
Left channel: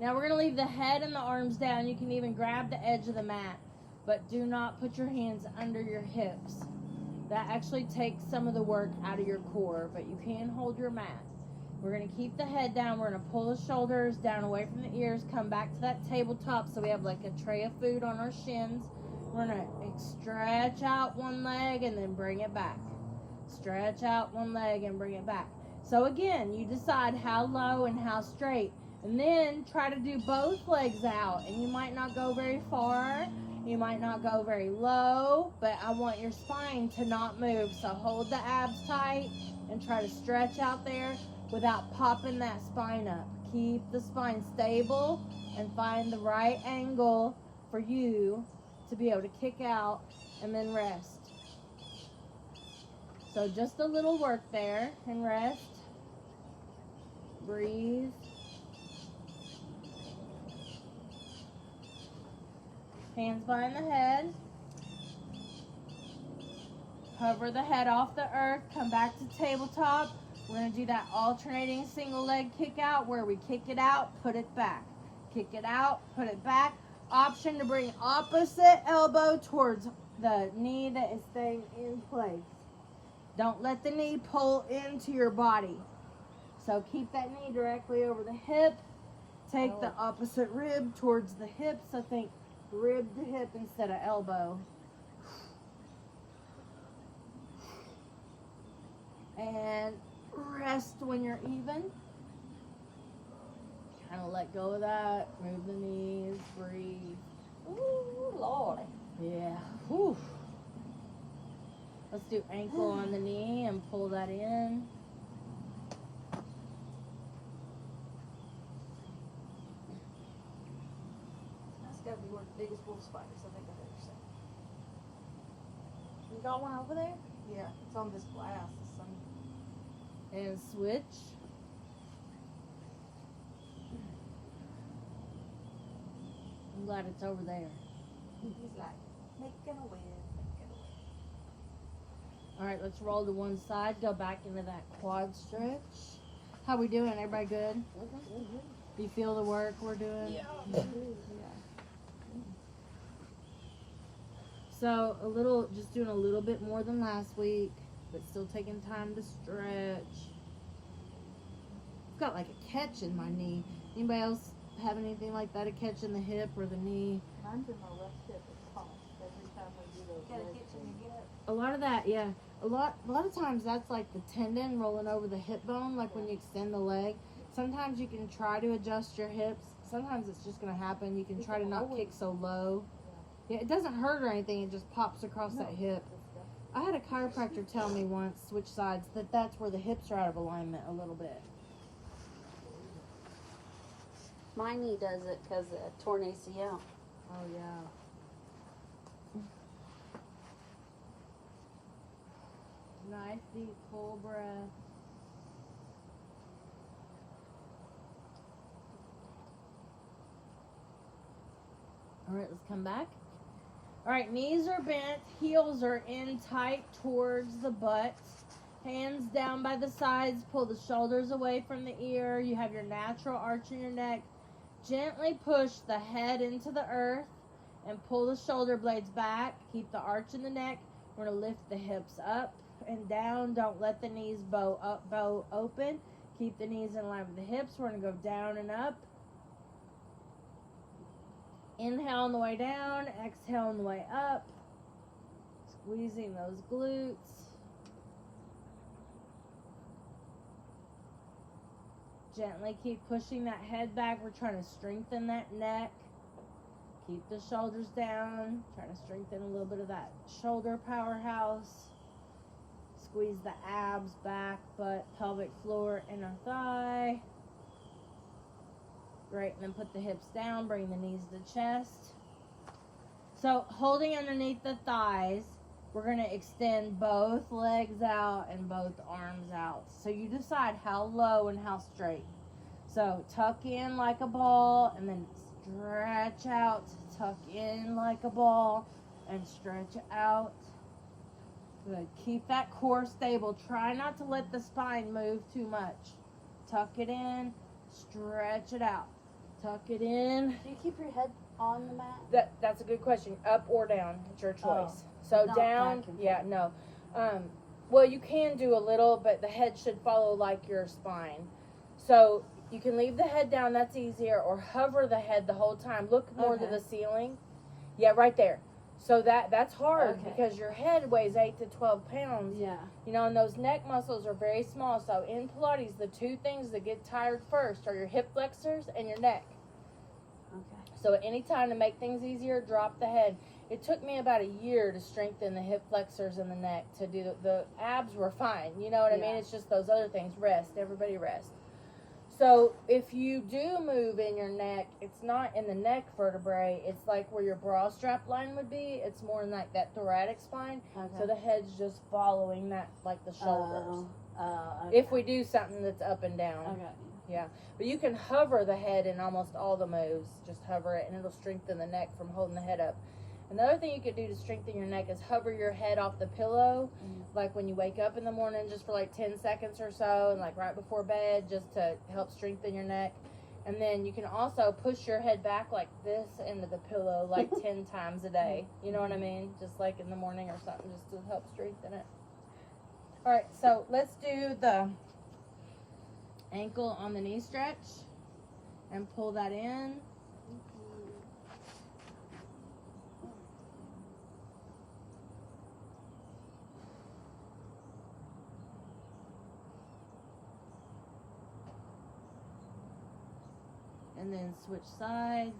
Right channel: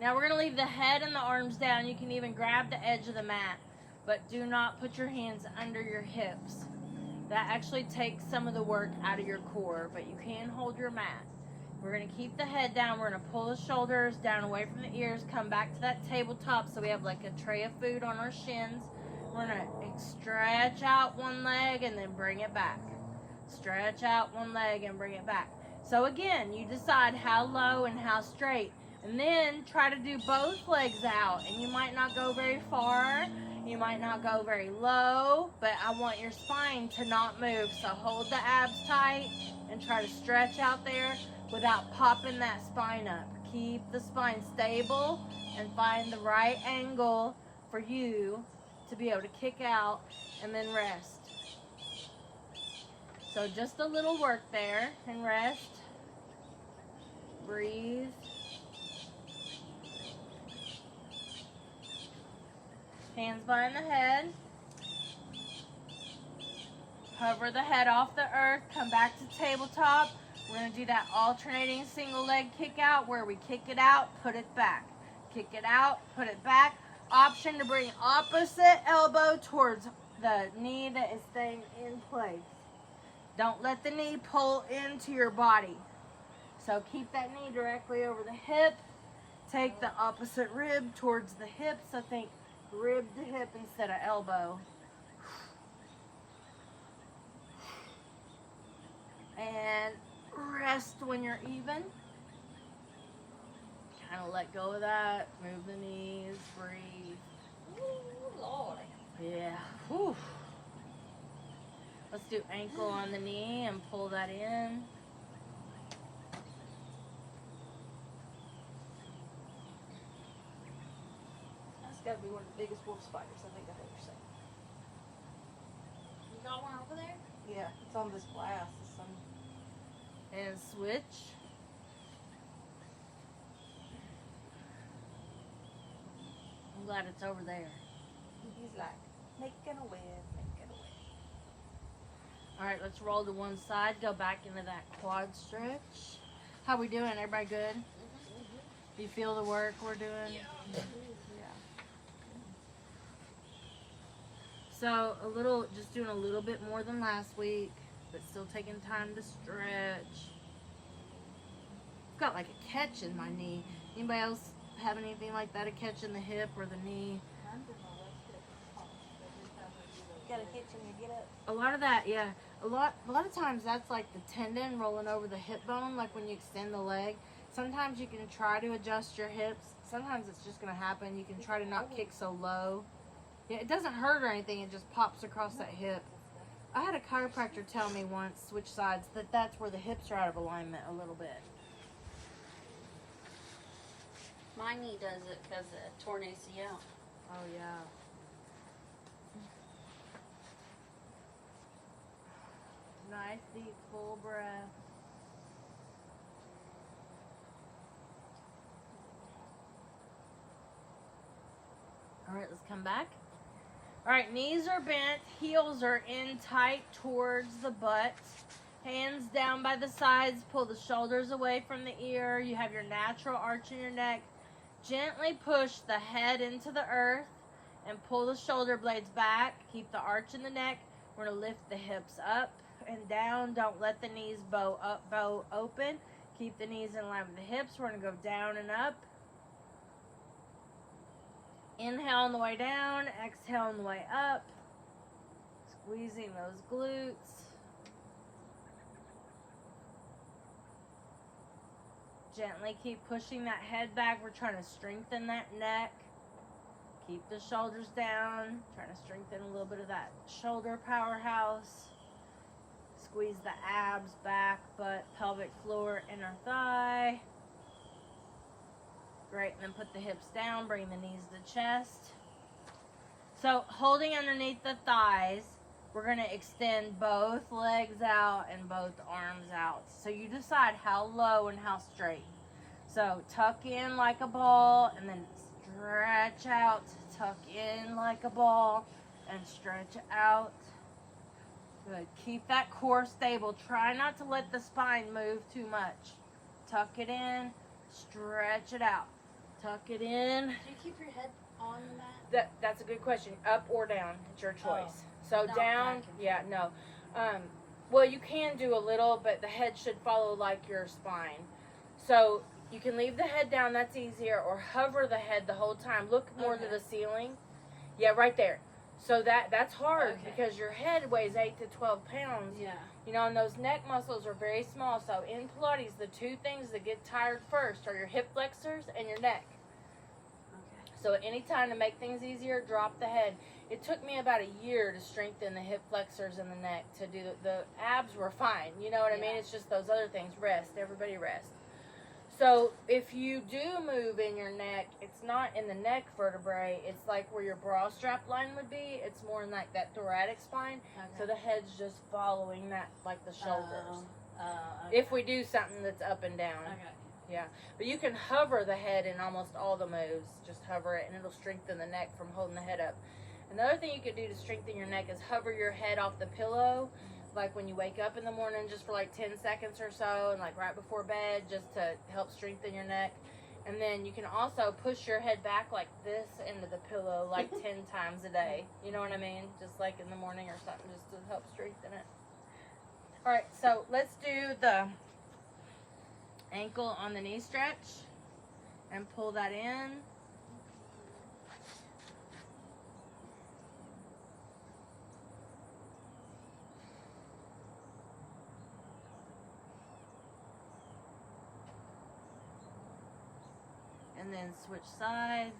Now we're going to leave the head and the arms down. You can even grab the edge of the mat, but do not put your hands under your hips. That actually takes some of the work out of your core, but you can hold your mat. We're going to keep the head down. We're going to pull the shoulders down away from the ears, come back to that tabletop so we have like a tray of food on our shins. We're going to stretch out one leg and then bring it back. Stretch out one leg and bring it back. So again, you decide how low and how straight. And then try to do both legs out. And you might not go very far. You might not go very low. But I want your spine to not move. So hold the abs tight and try to stretch out there without popping that spine up. Keep the spine stable and find the right angle for you to be able to kick out and then rest. So just a little work there and rest. Breathe. Hands behind the head. Hover the head off the earth. Come back to tabletop. We're going to do that alternating single leg kick out where we kick it out, put it back. Kick it out, put it back. Option to bring opposite elbow towards the knee that is staying in place. Don't let the knee pull into your body. So keep that knee directly over the hip. Take the opposite rib towards the hip. So think rib to hip instead of elbow. And rest when you're even. Kind of let go of that. Move the knees. Breathe. Ooh, Lord. Yeah. Whew. Let's do ankle on the knee and pull that in. That's got to be one of the biggest wolf spiders I think I've ever seen. You got one over there? Yeah, it's on this glass. And switch. I'm glad it's over there. He's like, making a web, making a web. All right, let's roll to one side. Go back into that quad stretch. How we doing? Everybody good? You feel the work we're doing? Yeah. So just doing a little bit more than last week, but still taking time to stretch. I've got like a catch in my knee. Anybody else have anything like that? A catch in the hip or the knee? Mine's in my left hip. It pops every time we do those Got a legs. kitchen to get up. A lot of that, yeah. A lot of times that's like the tendon rolling over the hip bone, like when you extend the leg. Sometimes you can try to adjust your hips. Sometimes it's just gonna happen. You can try to not kick so low. Yeah, it doesn't hurt or anything. It just pops across that hip. I had a chiropractor tell me once, switch sides, that's where the hips are out of alignment a little bit. My knee does it because of torn ACL. Oh, yeah. Nice deep full breath. All right, let's come back. All right, knees are bent, heels are in tight towards the butt. Hands down by the sides, pull the shoulders away from the ear. You have your natural arch in your neck. Gently push the head into the earth and pull the shoulder blades back. Keep the arch in the neck. We're going to lift the hips up and down. Don't let the knees bow open. Keep the knees in line with the hips. We're going to go down and up. Inhale on the way down. Exhale on the way up. Squeezing those glutes. Gently keep pushing that head back. We're trying to strengthen that neck. Keep the shoulders down. Trying to strengthen a little bit of that shoulder powerhouse. Squeeze the abs, back, butt, pelvic floor, inner thigh. Great. And then put the hips down. Bring the knees to the chest. So holding underneath the thighs, we're going to extend both legs out and both arms out. So you decide how low and how straight. So tuck in like a ball and then stretch out. Tuck in like a ball and stretch out. Good. Keep that core stable. Try not to let the spine move too much. Tuck it in. Stretch it out. Tuck it in. Do you keep your head on the mat? That's a good question. Up or down. It's your choice. Oh. So Not down, back and yeah, no. Well, you can do a little, but the head should follow like your spine. So you can leave the head down, that's easier, or hover the head the whole time. Look more to Okay. the ceiling. Yeah, right there. So that's hard Okay. because your head weighs 8 to 12 pounds. Yeah. You know, and those neck muscles are very small. So in Pilates, the two things that get tired first are your hip flexors and your neck. Okay. So at any time to make things easier, drop the head. It took me about a year to strengthen the hip flexors and the neck to do the abs were fine. You know what I mean? Yeah. It's just those other things. Rest. Everybody rest. So if you do move in your neck, it's not in the neck vertebrae. It's like where your bra strap line would be. It's more in like that thoracic spine. Okay. So the head's just following that, like the shoulders. Okay. If we do something that's up and down. Okay. Yeah, but you can hover the head in almost all the moves. Just hover it, and it'll strengthen the neck from holding the head up. Another thing you could do to strengthen your neck is hover your head off the pillow, like when you wake up in the morning, just for like 10 seconds or so, and like right before bed, just to help strengthen your neck. And then you can also push your head back like this into the pillow like 10 times a day. You know what I mean? Just like in the morning or something, just to help strengthen it. All right, so let's do the ankle on the knee stretch and pull that in. And then switch sides.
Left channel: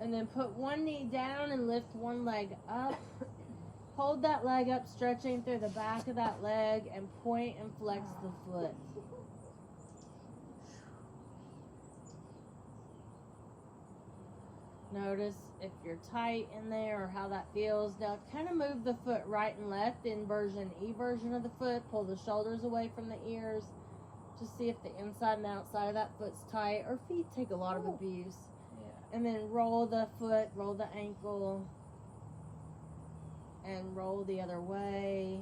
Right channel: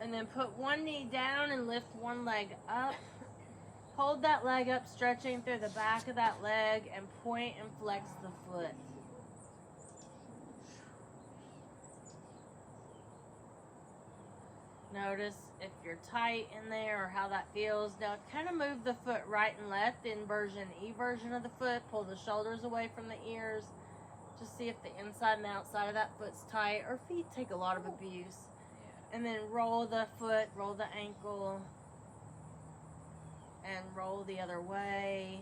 And then put one knee down and lift one leg up. Hold that leg up, stretching through the back of that leg, and point and flex the foot. Notice if you're tight in there or how that feels. Now kind of move the foot right and left, inversion, eversion of the foot. Pull the shoulders away from the ears. Just see if the inside and outside of that foot's tight. Or feet take a lot of abuse. And then roll the foot, roll the ankle, and roll the other way.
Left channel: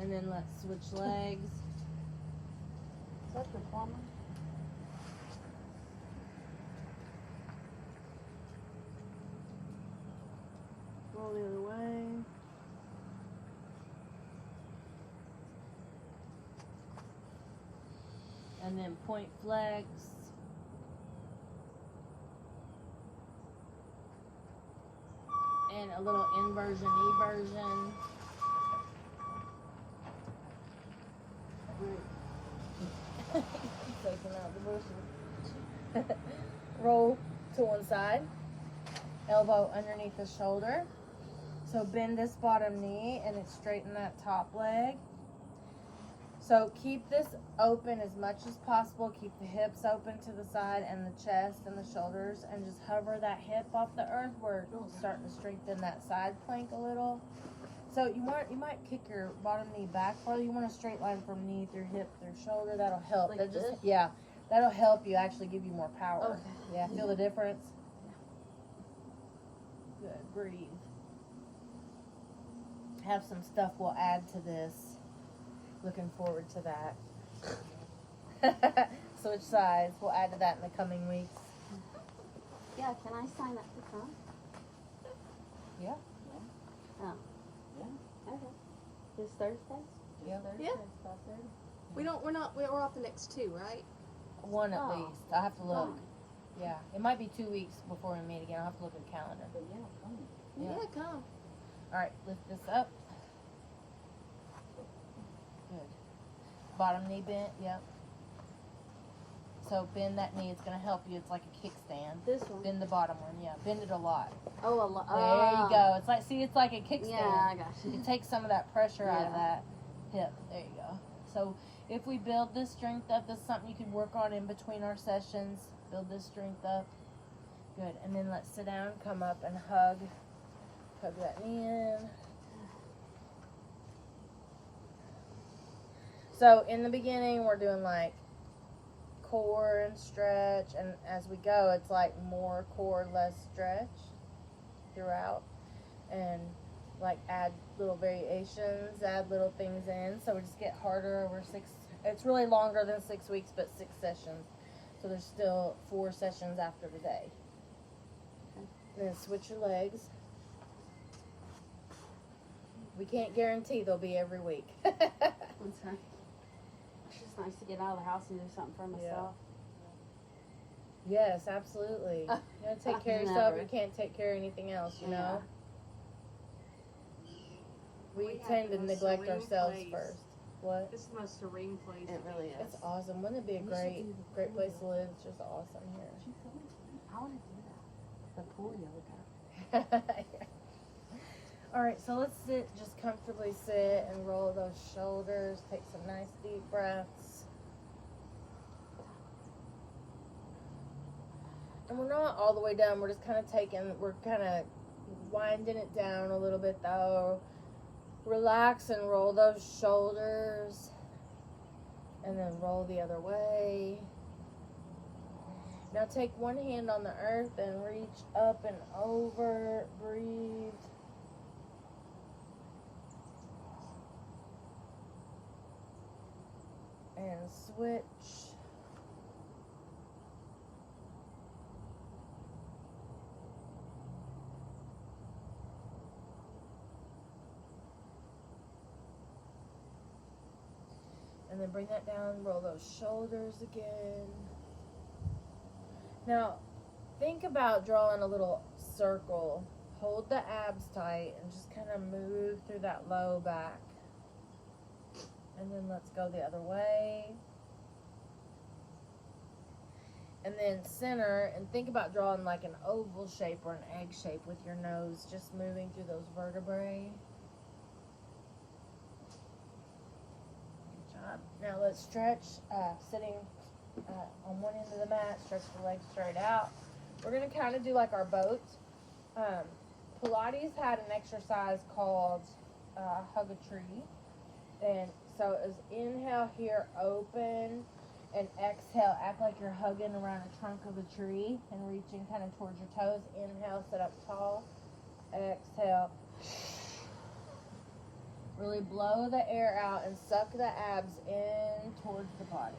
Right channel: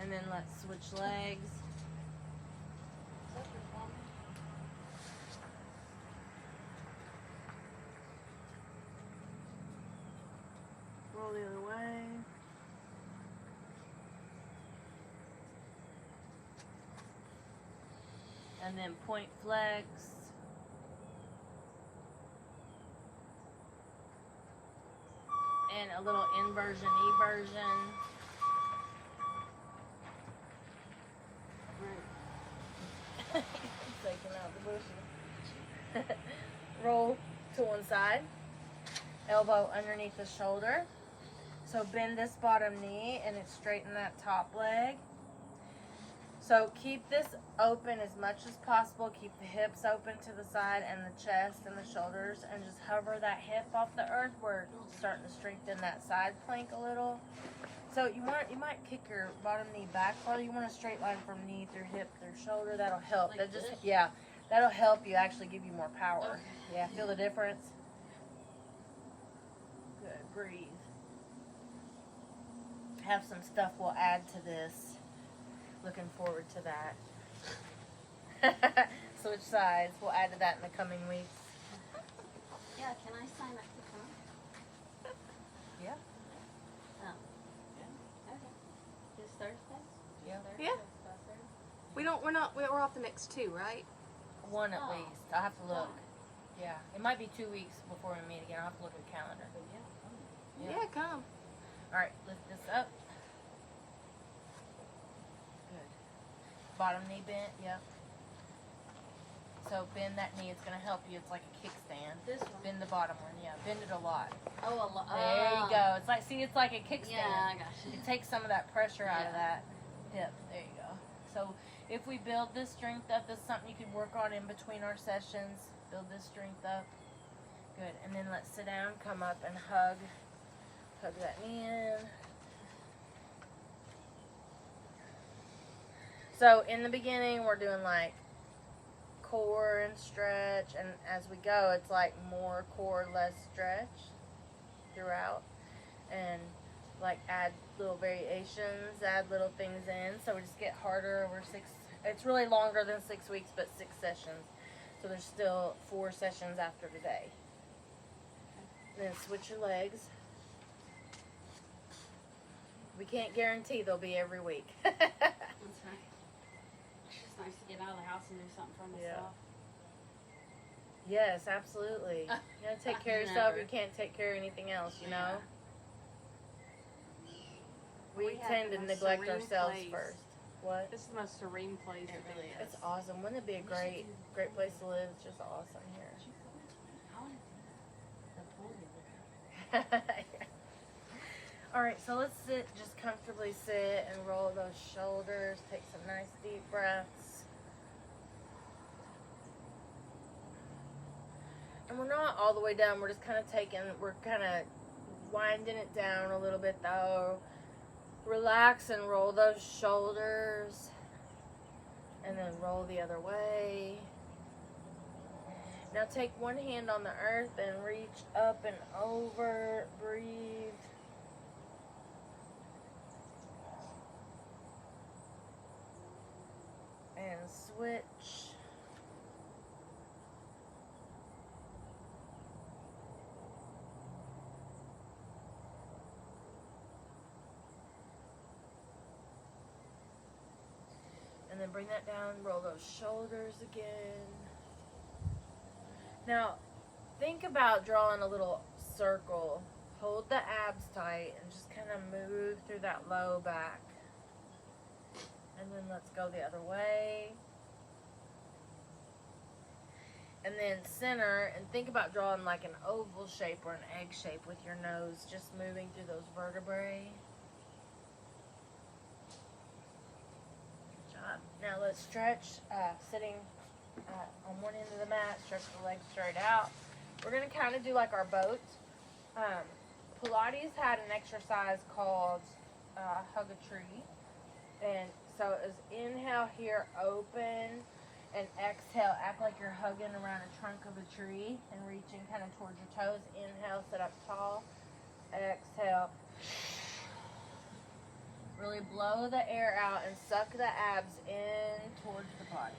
And then let's switch legs. Is that your plumbing? Roll the other way. And then point flex. And a little inversion, eversion. came out the bushes. Roll to one side. Elbow underneath the shoulder. So bend this bottom knee and it's straighten that top leg. So keep this open as much as possible. Keep the hips open to the side and the chest and the shoulders, and just hover that hip off the earth. We're starting to strengthen that side plank a little. So you might kick your bottom knee back farther. You want a straight line from knee through hip through shoulder. That'll help. Like That just this? yeah, that'll help you actually give you more power. Okay. Yeah, feel the difference? Good. Breathe. Have some stuff we'll add to this. Looking forward to that. Switch sides. We'll add to that in the coming weeks. Yeah, can I sign up to come? Yeah. Oh. Yeah. Okay. This Thursday? Yeah. Yeah. We're off the next 2, right? One at Oh. least. I'll have to look. Fun. Yeah. It might be 2 weeks before we meet again. I'll have to look at the calendar. But yeah, fun. Yeah. Come. Alright, lift this up. Good. Bottom knee bent, yep. So bend that knee, it's gonna help you. It's like a kickstand. This one. Bend the bottom one, yeah. Bend it a lot. Oh, a lot. There you go. It's like, see, it's like a kickstand. Yeah, I got you. It takes some of that pressure out of Yeah. that hip. There you go. So if we build this strength up, this is something you can work on in between our sessions. Build this strength up. Good. And then let's sit down, come up and hug. Hug that knee in. So in the beginning, we're doing like core and stretch, and as we go, it's like more core, less stretch throughout, and like add little variations, add little things in, so we just get harder over 6. It's really longer than 6 weeks, but 6 sessions. So there's still 4 sessions after today. Then switch your legs. We can't guarantee they'll be every week. That's right. It's just nice to get out of the house and do something for myself. Yes, absolutely. You gotta take care of yourself. Never. You can't take care of anything else, you know? Yeah. We We have tend the to most neglect serene ourselves place. first. What? This is the most serene place. It really is. It's awesome. Wouldn't it be a We should great, do great place to live? It's just awesome here. I want to do that. The pool yoga. All right, so let's sit, just comfortably sit and roll those shoulders. Take some nice deep breaths. And we're not all the way done. We're just kind of we're kind of winding it down a little bit though. Relax and roll those shoulders. And then roll the other way. Now take one hand on the earth and reach up and over. Breathe. And switch. And then bring that down, roll those shoulders again. Now, think about drawing a little circle. Hold the abs tight and just kind of move through that low back. And then let's go the other way. And then center, and think about drawing like an oval shape or an egg shape with your nose, just moving through those vertebrae. Good job. Now let's stretch, sitting on one end of the mat, stretch the legs straight out. We're going to kind of do like our boat. Pilates had an exercise called Hug a Tree. And so it was inhale here, open, and exhale, act like you're hugging around a trunk of a tree and reaching kind of towards your toes. Inhale, sit up tall. Exhale. Really blow the air out and suck the abs in towards the body.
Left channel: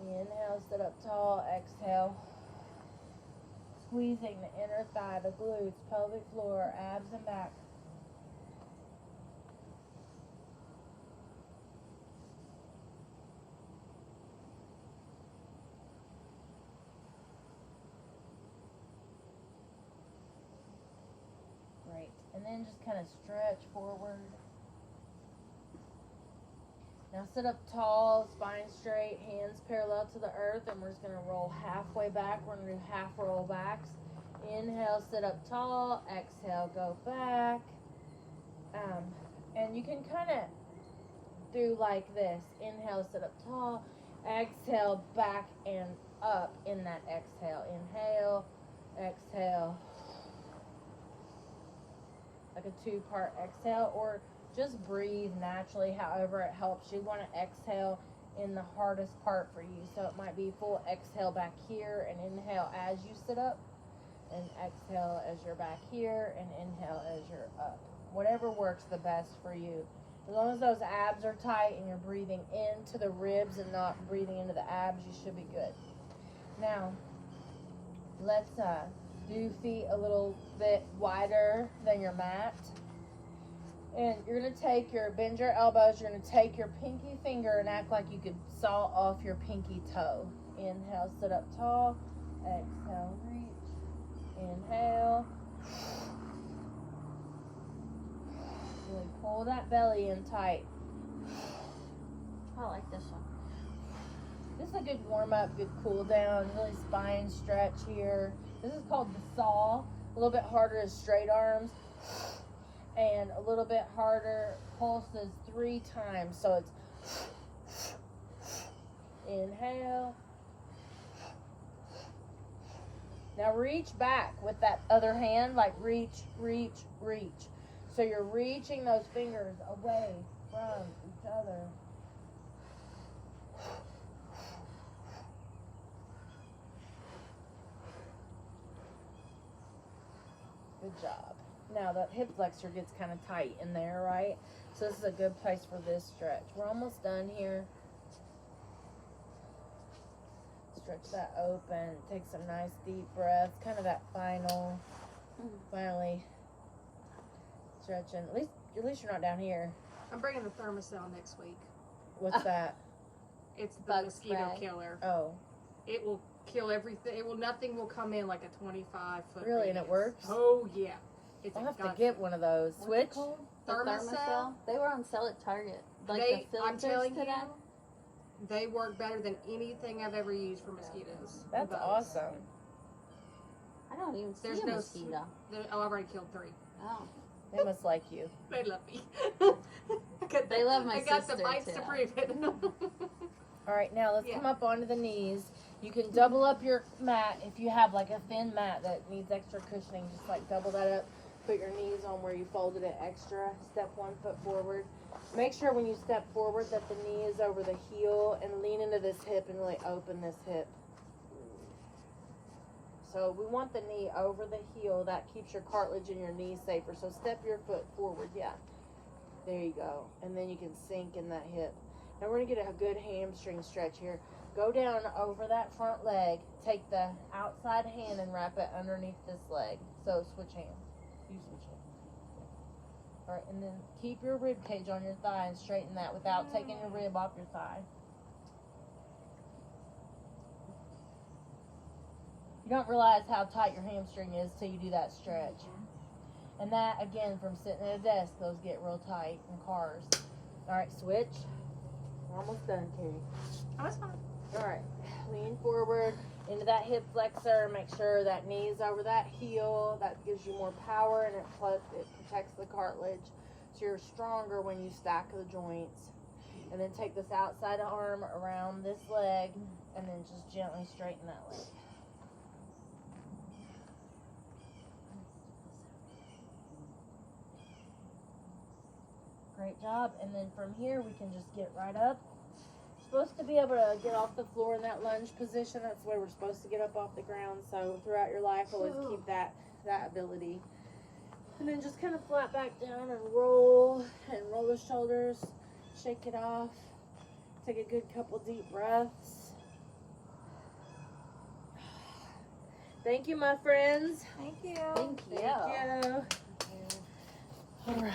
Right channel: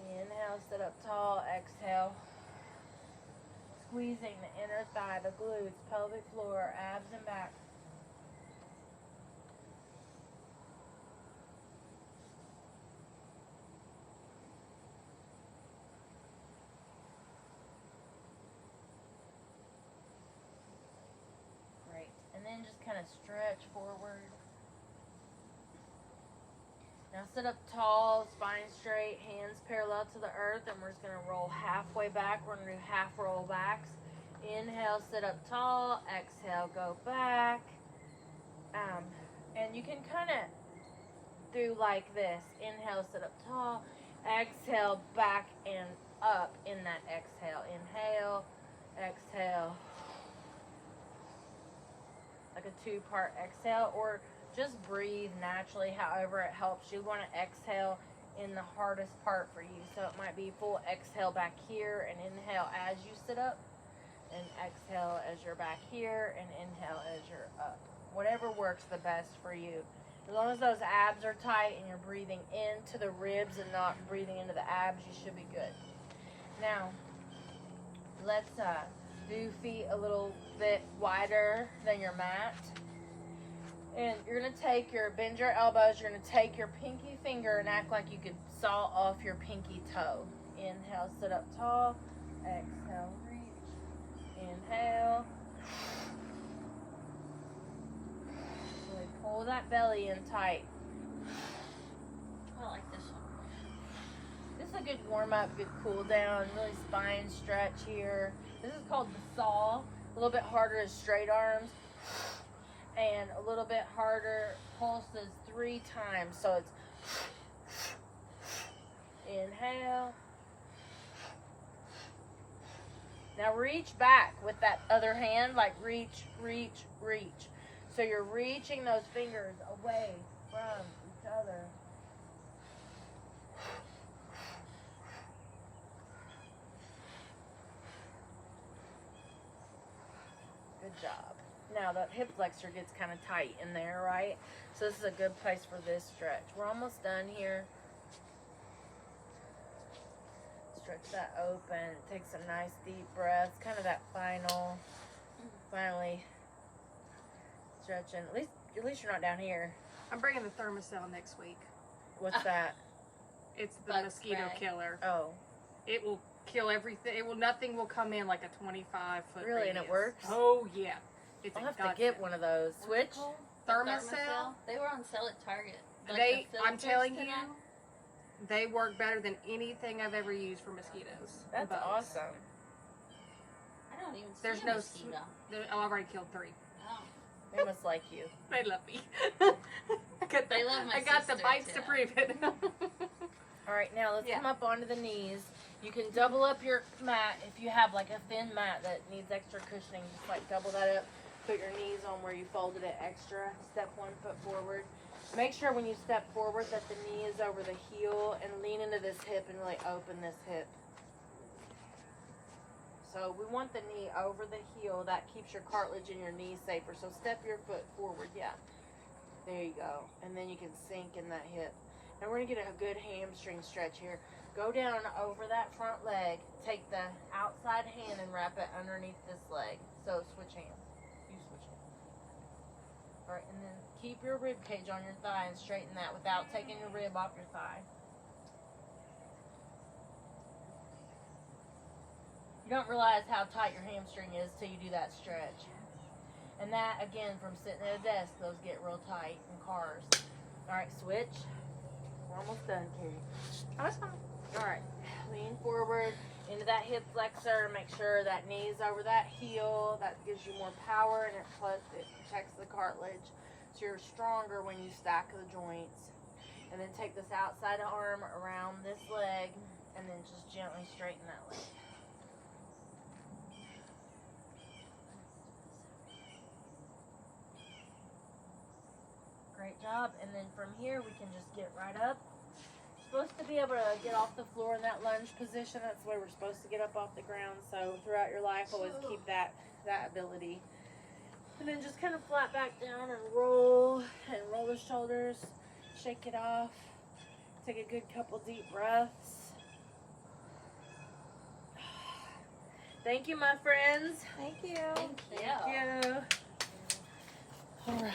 Inhale, sit up tall. Exhale. Squeezing the inner thigh, the glutes, pelvic floor, abs and back. And then just kind of stretch forward. Now sit up tall, spine straight, hands parallel to the earth, and we're just gonna roll halfway back. We're gonna do half roll backs. Inhale, sit up tall. Exhale, go back. And you can kind of do like this. Inhale, sit up tall. Exhale, back and up in that exhale. Inhale, exhale. Like a 2-part exhale, or just breathe naturally, however it helps. You want to exhale in the hardest part for you. So it might be full exhale back here and inhale as you sit up, and exhale as you're back here, and inhale as you're up. Whatever works the best for you. As long as those abs are tight and you're breathing into the ribs and not breathing into the abs, you should be good. Now, let's do feet a little bit wider than your mat. And you're going to bend your elbows, you're going to take your pinky finger and act like you could saw off your pinky toe. Inhale, sit up tall. Exhale, reach. Inhale. Really pull that belly in tight. I like this one. This is a good warm up, good cool down, really spine stretch here. This is called the saw. A little bit harder is straight arms, and a little bit harder pulses 3 times. So it's inhale. Now reach back with that other hand, like reach, reach, reach. So you're reaching those fingers away from each other. Good job. Now the hip flexor gets kind of tight in there, right? So this is a good place for this stretch. We're almost done here. Stretch that open. Take some nice deep breaths. Kind of that finally stretching. At least you're not down here. I'm bringing the Thermacell next week. What's that? It's the Bug mosquito spray. killer. Oh, It will kill everything. Nothing will come in like a 25-foot really? And it radius. works? Oh yeah. It's I'll a have to godsend. get one of those. What's Switch? it called? The Thermacell? They were on sale at Target. I'm the telling filters to you, that. they work better than anything I've ever used for mosquitoes. That's Bugs. awesome. I don't even see There's a no mosquito. I've already killed 3. Oh. They must like you. They love me. They love my I got the sister, bites too. to prove it. All right, now let's Yeah. come up onto the knees. You can double up your mat if you have like a thin mat that needs extra cushioning. Just like double that up. Put your knees on where you folded it extra. Step 1 foot forward. Make sure when you step forward that the knee is over the heel, and lean into this hip and really open this hip. So we want the knee over the heel. That keeps your cartilage in your knee safer. So step your foot forward. Yeah. There you go. And then you can sink in that hip. Now we're going to get a good hamstring stretch here. Go down over that front leg. Take the outside hand and wrap it underneath this leg. So switch hands. You switch hands. All right, and then keep your rib cage on your thigh and straighten that without taking your rib off your thigh. You don't realize how tight your hamstring is till you do that stretch. And that, again, from sitting at a desk, those get real tight in cars. All right, switch. We're almost done, Carrie. Oh, that's fine. All right, lean forward into that hip flexor. Make sure that knee's over that heel. That gives you more power, and it protects the cartilage. So you're stronger when you stack the joints. And then take this outside arm around this leg, and then just gently straighten that leg. Great job. And then from here, we can just get right up. Supposed to be able to get off the floor in that lunge position. That's the way we're supposed to get up off the ground. So throughout your life, always keep that ability. And then just kind of flat back down and roll the shoulders. Shake it off. Take a good couple deep breaths. Thank you, my friends. Thank you. Thank you. Thank you. All right.